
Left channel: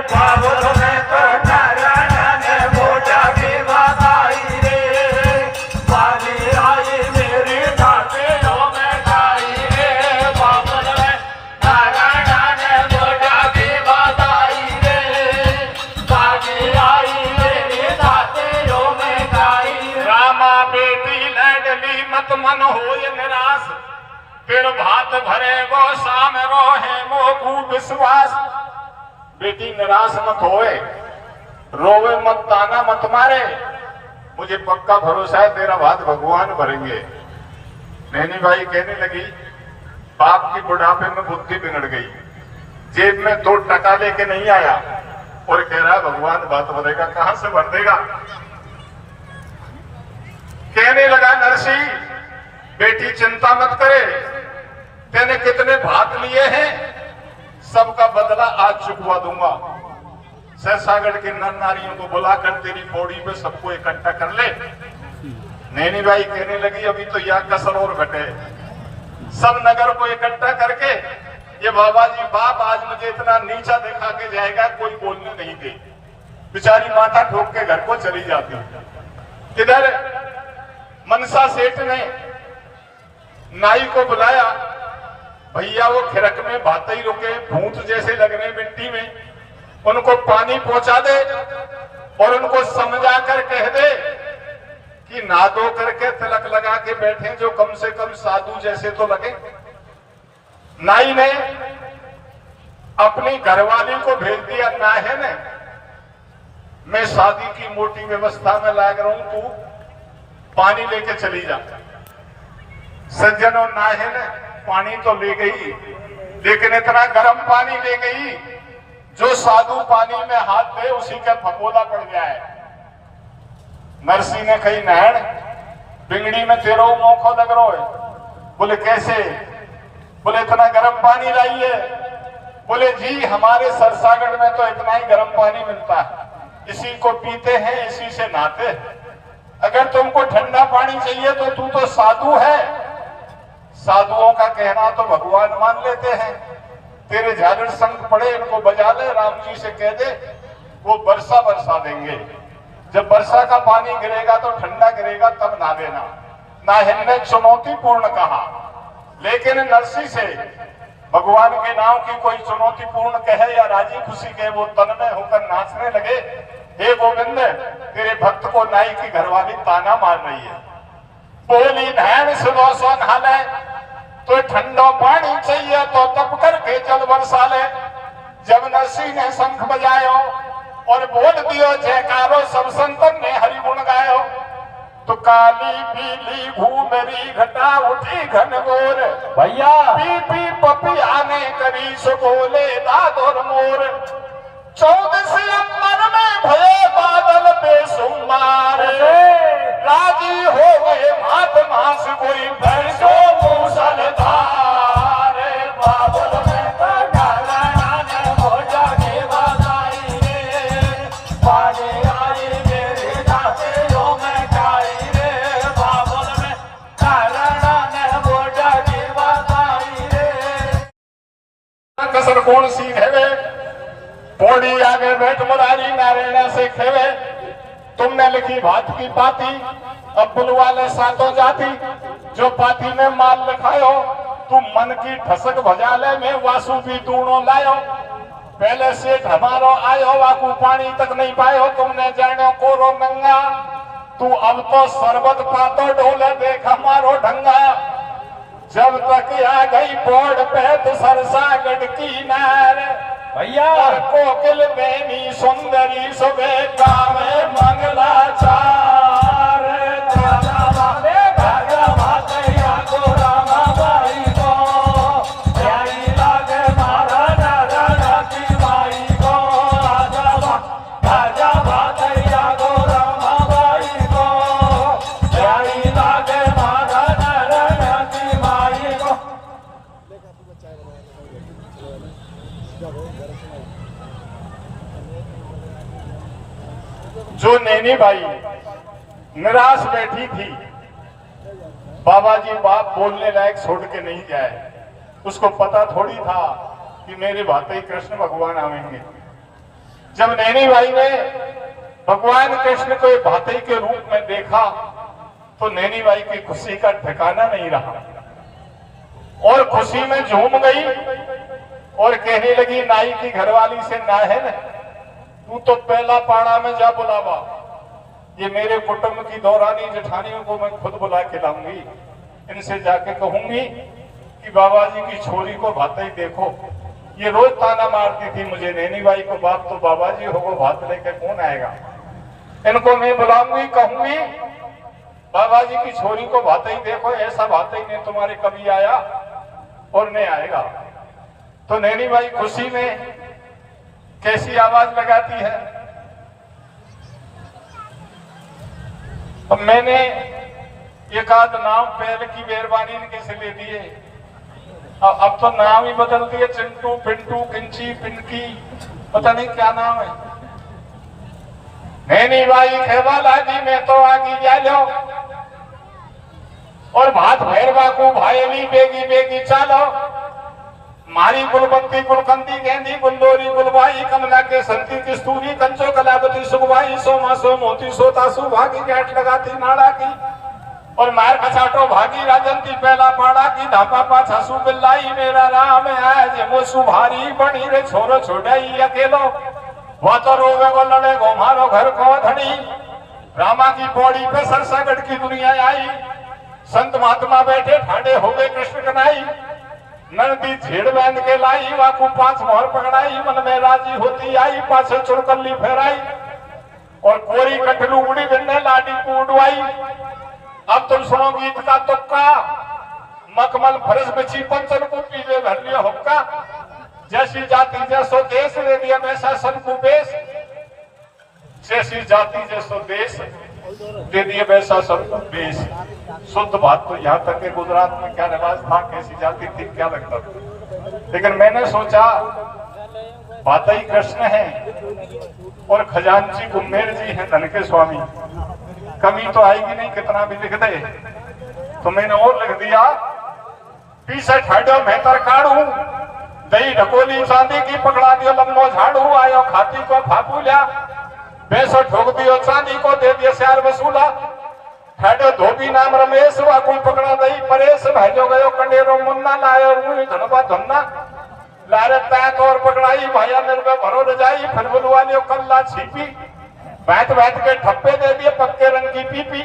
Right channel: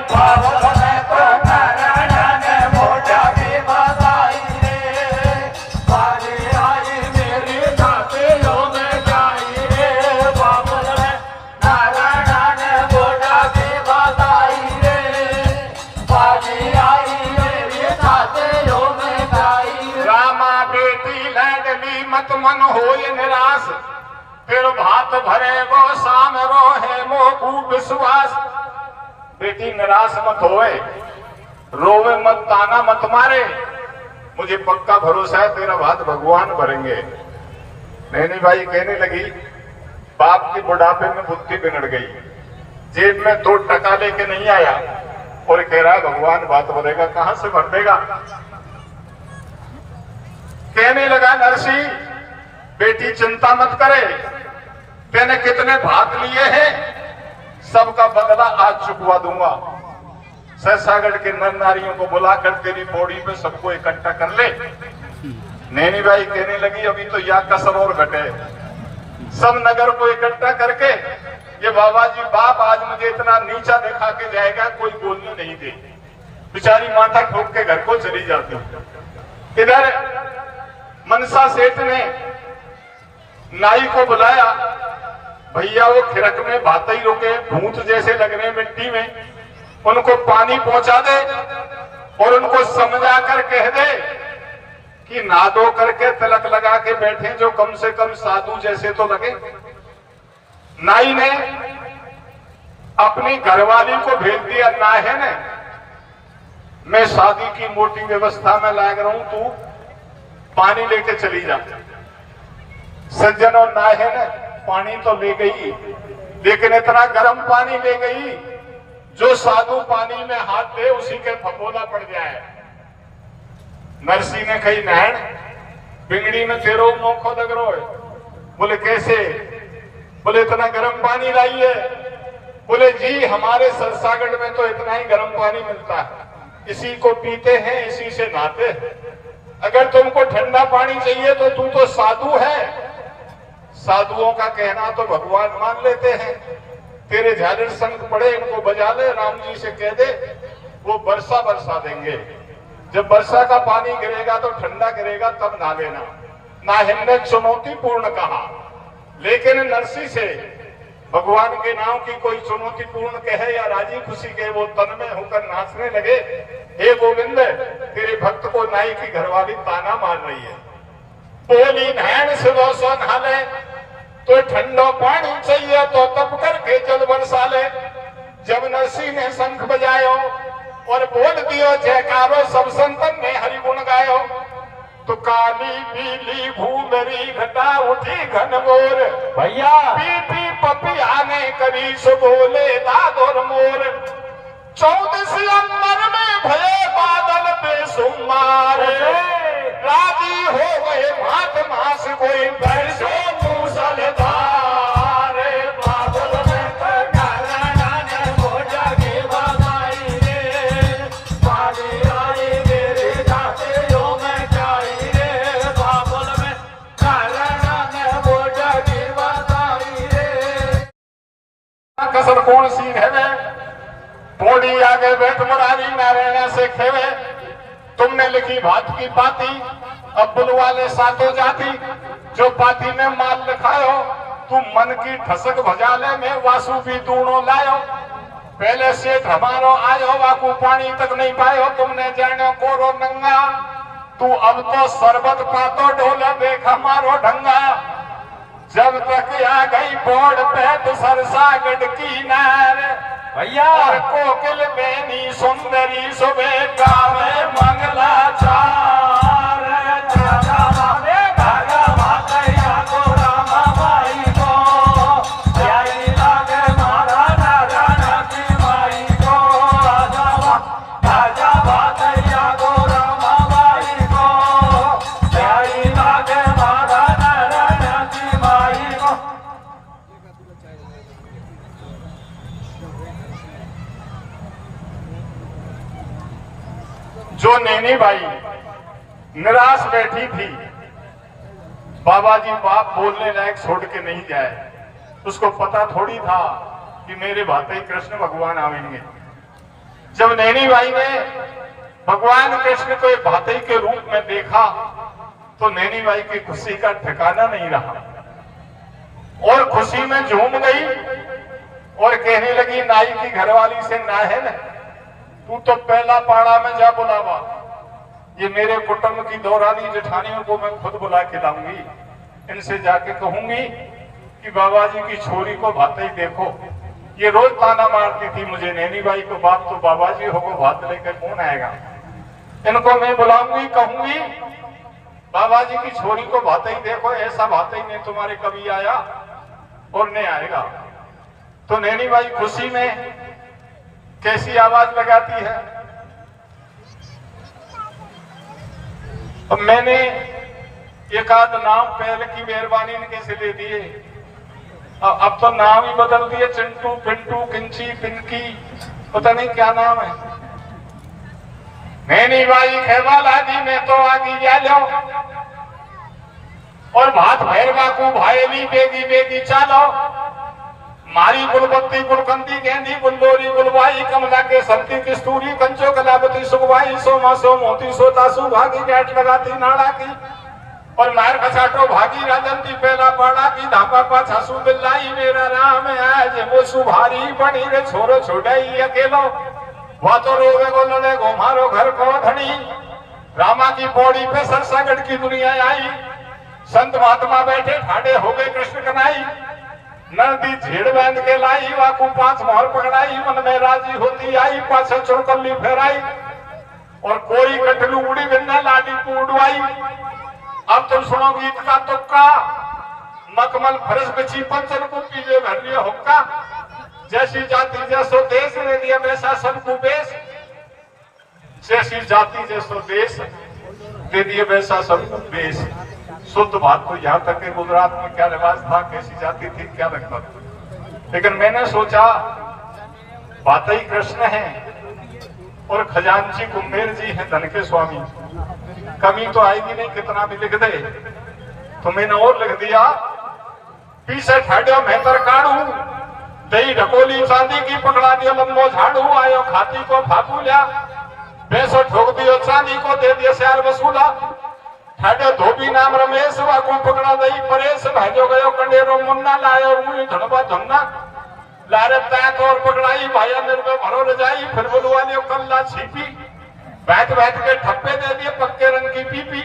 बाबुल में तो नारायण ने मोढ़ा की बताई रे। भाजी आई मेरी छातियों में खाई रे। बाबुल में नारायण ने मोढ़ा की बताई रे। भाजी आई मेरी छातियों में खाई रे। रामा बेटी लाडली मत मन होय निराश, फिर भात भरे गो शाम रोहे मोकू विश्वास। बेटी निराश मत होए, रोवे मत, ताना मत मारे, मुझे पक्का भरोसा है तेरा भात भगवान भरेंगे। नैनी भाई कहने लगी बाप की बुढ़ापे में बुद्धि बिगड़ गई, जेब में 2 टका लेके नहीं आया और कह रहा है भगवान भात भरेगा, कहां से भर देगा। कहने लगा नरसी बेटी चिंता मत करे, तेने कितने भात लिए हैं सबका बदला आज चुकवा दूंगा। सरसागढ़ के नर नारियों को बुलाकर तेरी पौड़ी पे सबको इकट्ठा कर ले। नैनी भाई कहने लगी अभी तो यह कसर और घटे, सब नगर को इकट्ठा करके ये बाबा जी बाप आज मुझे इतना नीचा दिखा के जाएगा, कोई बोलने नहीं दे। बेचारी माथा ठोक के घर को चली जाती। इधर मनसा सेठ ने नाई को बुलाया, भैया वो खिरक में भाते ही रुके, भूत जैसे लग रहे मिट्टी में, उनको पानी पहुंचा दे और उनको समझा कर कह दे कि ना दो करके तिलक लगा के बैठे, जो कम से कम साधु जैसे तो लगे। नाई ने अपनी घरवाली को भेज दिया, ना है ने मैं शादी की मोटी व्यवस्था में लाग रहा हूं, तू पानी लेके चली जा। सज्जन और ना है ने पानी तो ले गई, लेकिन इतना गर्म पानी ले गई जो साधु पानी में हाथ दे उसी का फपोला पड़ जाए। नरसी ने कही नहर बिगड़ी में तेरो मौको लग रहा है। बोले कैसे? बोले इतना गर्म पानी लाई है। बोले जी हमारे सरसागढ़ में तो इतना ही गर्म पानी मिलता है, इसी को पीते हैं, इसी से नहाते हैं। अगर तुमको ठंडा पानी चाहिए तो तू तो साधु है, साधुओं का कहना तो भगवान मान लेते हैं। तेरे झालर शंख पड़े, इनको बजा ले, राम जी से कह दे वो वर्षा बरसा देंगे। जब वर्षा का पानी गिरेगा तो ठंडा गिरेगा, तब नहा लेना। नाहिन ने चुनौतीपूर्ण कहा, लेकिन नरसी से भगवान के नाम की कोई चुनौतीपूर्ण कहे या राजी खुशी कहे, वो तन में होकर नाचने लगे। हे गोविंद, तेरे भक्त को नाई की घरवाली ताना मार रही है। बोली नैन सुनो सोन हाले, तो ठंडो पानी चाहिए तो तप करके जल बरसा ले। जब नरसी ने शंख बजायो और बोल दियो जयकारो, सब संतन ने हरि गुण गायो। तो काली पीली घूमरी घटा उठी घनघोर, भैया पी पी पपिया ने करी सो बोले दादोर मोर। 14 अंबर में भये बादल बेसुमार, राजी हो गए मात मास कोई बरसो मूसलधार। बादल में तो डाला ने मोजा के बनाई रे, पानी आई मेरी दातियों में जाई रे। बादल में डाला ने मोजा के बनाई रे। कसर कौन सी है वे, बोड़ी आगे बैठ मरारी नारायण से खेवे। तुमने लिखी भात की पाती, अब बुलवाले सातों जाति। जो पाती में माल लिखायो, तू मन की ठसक भजाले में वासु की दूणो लायो। पहले सेठ हमारो आयो, वाकू पानी तक नहीं पायो, तुमने जानो कोरो नंगा। तू अब तो सरबत पातो ढोला, देख हमारो ढंगा। जब तक आ गई बोर्ड पे तो सरसागढ़ की नार, भैया कोकिल बेनी सुंदरी सुबह गावे मंगलाचार। जो नैनी बाई निराश बैठी थी, बाबा जी बाप बोलने लायक छोड़ के नहीं जाए। उसको पता थोड़ी था कि मेरे भाते कृष्ण भगवान आवेंगे। जब नैनी बाई ने भगवान कृष्ण को भाते के रूप में देखा तो नैनी बाई की खुशी का ठिकाना नहीं रहा और खुशी में झूम गई और कहने लगी नाई की घरवाली से, ना है न तू तो पहला पाड़ा में जा बुलावा, ये मेरे कुटुंब की दौरानी जेठानियों को मैं खुद बुला के लाऊंगी। इनसे जाके कहूंगी कि बाबा जी की छोरी को भात ही देखो। ये रोज ताना मारती थी मुझे, नैनी बाई को बाप तो बाबा जी होगो, भात लेकर कौन आएगा। इनको मैं बुलाऊंगी, कहूंगी बाबा जी की छोरी को भात ही देखो, ऐसा भात ही नहीं तुम्हारे कभी आया और नहीं आएगा। तो नैनी बाई खुशी में कैसी आवाज लगाती है। अब मैंने एक आध नाम पहले की मेहरबानी ने कैसे ले दिए, अब तो नाम ही बदल दिए, चिंटू पिंटू किंची पिंकी, पता नहीं क्या नाम है। नैनी बाई खेवा लागी, मैं तो आगी जा लो। और भात भैरवा को भाई भी बेगी बेगी चालो मारी कुलबत्ती कुलकंदी गेंदी कुलदोरी कुलवाई कमला के संती किस्तूरी कंचो कलापति सुखवाई सोमा सो मोती सोता सुभागी जाट लगाती नाड़ा की और मार खसाटो भागी राजंती पहला पाड़ा की धापा पाछा सु बिल्लाई मेरा राम आज वो सुभारी बनी रे छोरो छोड़ाई अकेलो वो तो रोगा को लड़े गो मारो घर को धनी रामा की पौड़ी पे सरसगढ़ की दुनिया आई संत महात्मा बैठे ठाणे हो गए कृष्ण कन्हई नदी झेड़ बांध के लाई वाकू 5 मोहर पकड़ाई मन में राजी होती आई पाछे चौकल्ली फेराई और कोरी कटलू उड़ी बिन्ने लाडी को उड़वाई। अब तुम सुनो गीत का तुक्का मखमल फरस बिछी पंचन को पीजे भरलियो हुक्का जैसी जाति जैसो देश वे दिया वैसा सबको बेस जैसी जाति जैसो देश दे दिए वैसा सबको बेस। शुद्ध बात तो यहाँ तक कि गुजरात में क्या रिवाज था कैसी जाति थी क्या लगता था लेकिन मैंने सोचा बात ही कृष्ण है और खजांची कुम्भेर जी हैं धन के स्वामी कमी तो आएगी नहीं कितना भी लिख दे तो मैंने और लिख दिया पीछे ठाड्यो मेहतर काढ़ू दही ढकोली चांदी की पकड़ा दियो लंबो झाड़ू आयो खाती को फापूलिया पैसो ठोक दियो चांदी को दे दियो श्यार वसूला ठाड्यो धोबी नाम रमेश वाको पकड़ा दई परेश भाजो गयो कंडेरो मुन्ना लायो ऊई धनबा धन्ना लारत तात और पकड़ाई भाया निर्भय भरो रजाई फिर बुलवा लियो कल्ला छिपी बैठ बैठ के ठप्पे दे दिए पक्के रंग की पीपी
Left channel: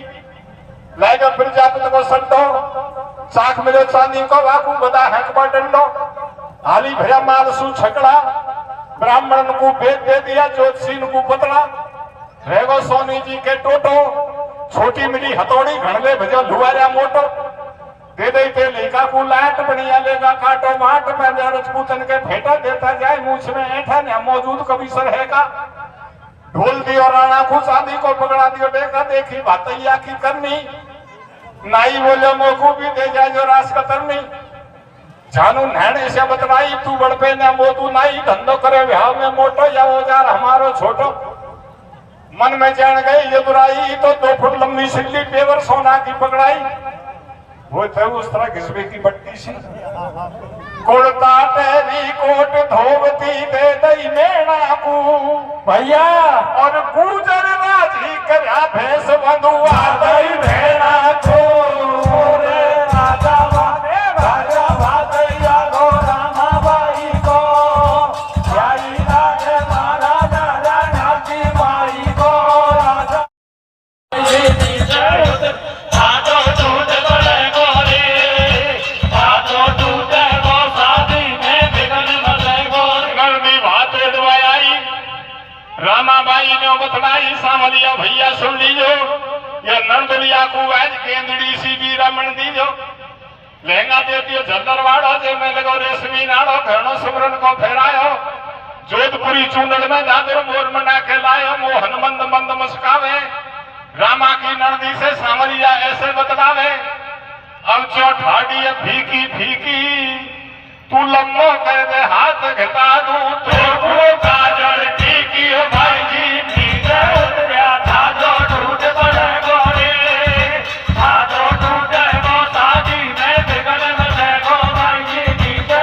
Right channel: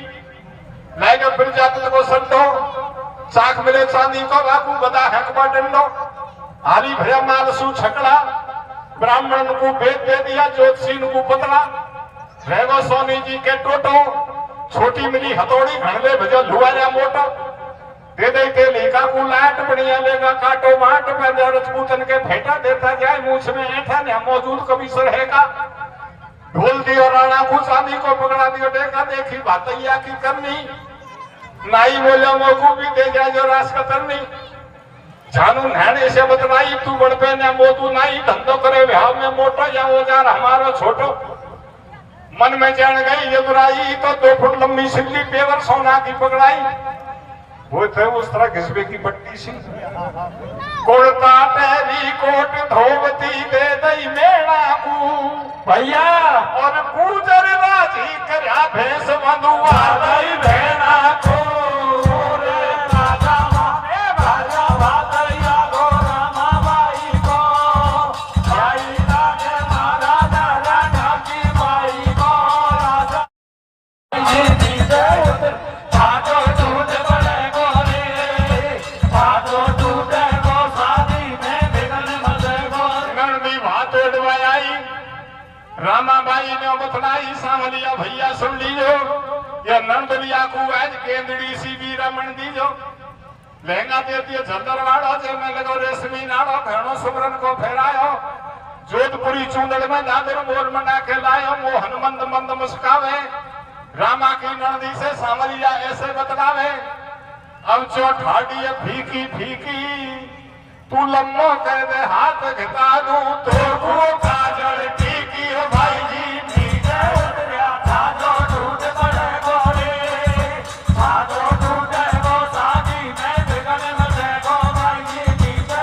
लाएगा फिर जाकर को संडो साख मिले चांदी को बाकू बदा हैंकबा डंडो हाली भरा माल सू छकड़ा ब्राह्मण को भेद दे दिया ज्योतिषी को पतड़ा रेगो सोनी जी के टोटो छोटी मिली हथौड़ी घड़ले भजो धुआया मोटो दे दे के लेखा को लाट बढ़िया लेगा काटो माट में रजपूतन के भेटा देता जाए मूछ में ऐठा न मौजूद कभी रहेगा ढोल दियो राणा को चांदी को पकड़ा दियो देखा देखी भातैया की करनी नाई बोले मोकू भी दे जाए जो रास कतरनी जानू नैणे से बतनाई तू बड़पे ने मोतू नाई धंधो करे व्याह में मोटो या औजार हमारो छोटो मन में जान गई ये बुराई तो 2 फुट लंबी सिल्ली पेवर सोना की पकड़ाई वो थे उस तरह घिसबे की पट्टी सी कोड़ता तेरी कोट धोवती दे दई मेणा को भैया और गुजर राजी करया भैंस बंधुआ दई भेड़ा को रे राजा माने राजा भातैया गो रामा बाई को जाई लागे मारा राजा काकी बाई को राजा ये नीचे आजो दूध बड़े गोरे आजो दूध गो शादी में बिगन मजे गो नंदी भात उड़वाई रामाबाई ने बतलाई सांवलिया भैया सुन लीजो या नंदलिया को आज केंद्री सी भी रमन दीजो लहंगा दे दियो झल्लर वाड़ो जे में लगो रेशमी नाड़ो घणो सुमरन को फेरायो जोधपुरी चूंदड़ में दादर मोर मना के लायो मोहन मंद मंद मुस्कावे रामा की नंदी से सांवलिया ऐसे बतलावे अब जो ठाड़ी है फीकी फीकी तू लम्बो कह दे हाथ घटा दूं तो वो काजल टीकी भाई जी नीचे उतरिया था जो टूट पड़े गोरे था जो टूटे वो शादी में बिगड़ मचे गो भाई जी नीचे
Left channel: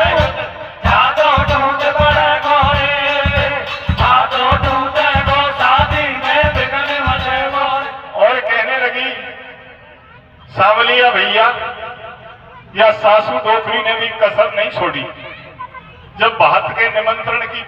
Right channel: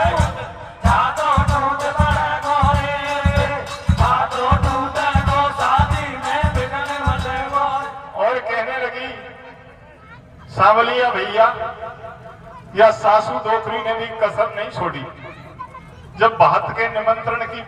था जो टूट पड़े गोरे था जो टूटे वो शादी में बिगड़ मचे गो। और कहने लगी सांवलिया भैया या सासू डोकरी ने भी कसर नहीं छोड़ी जब बात के निमंत्रण की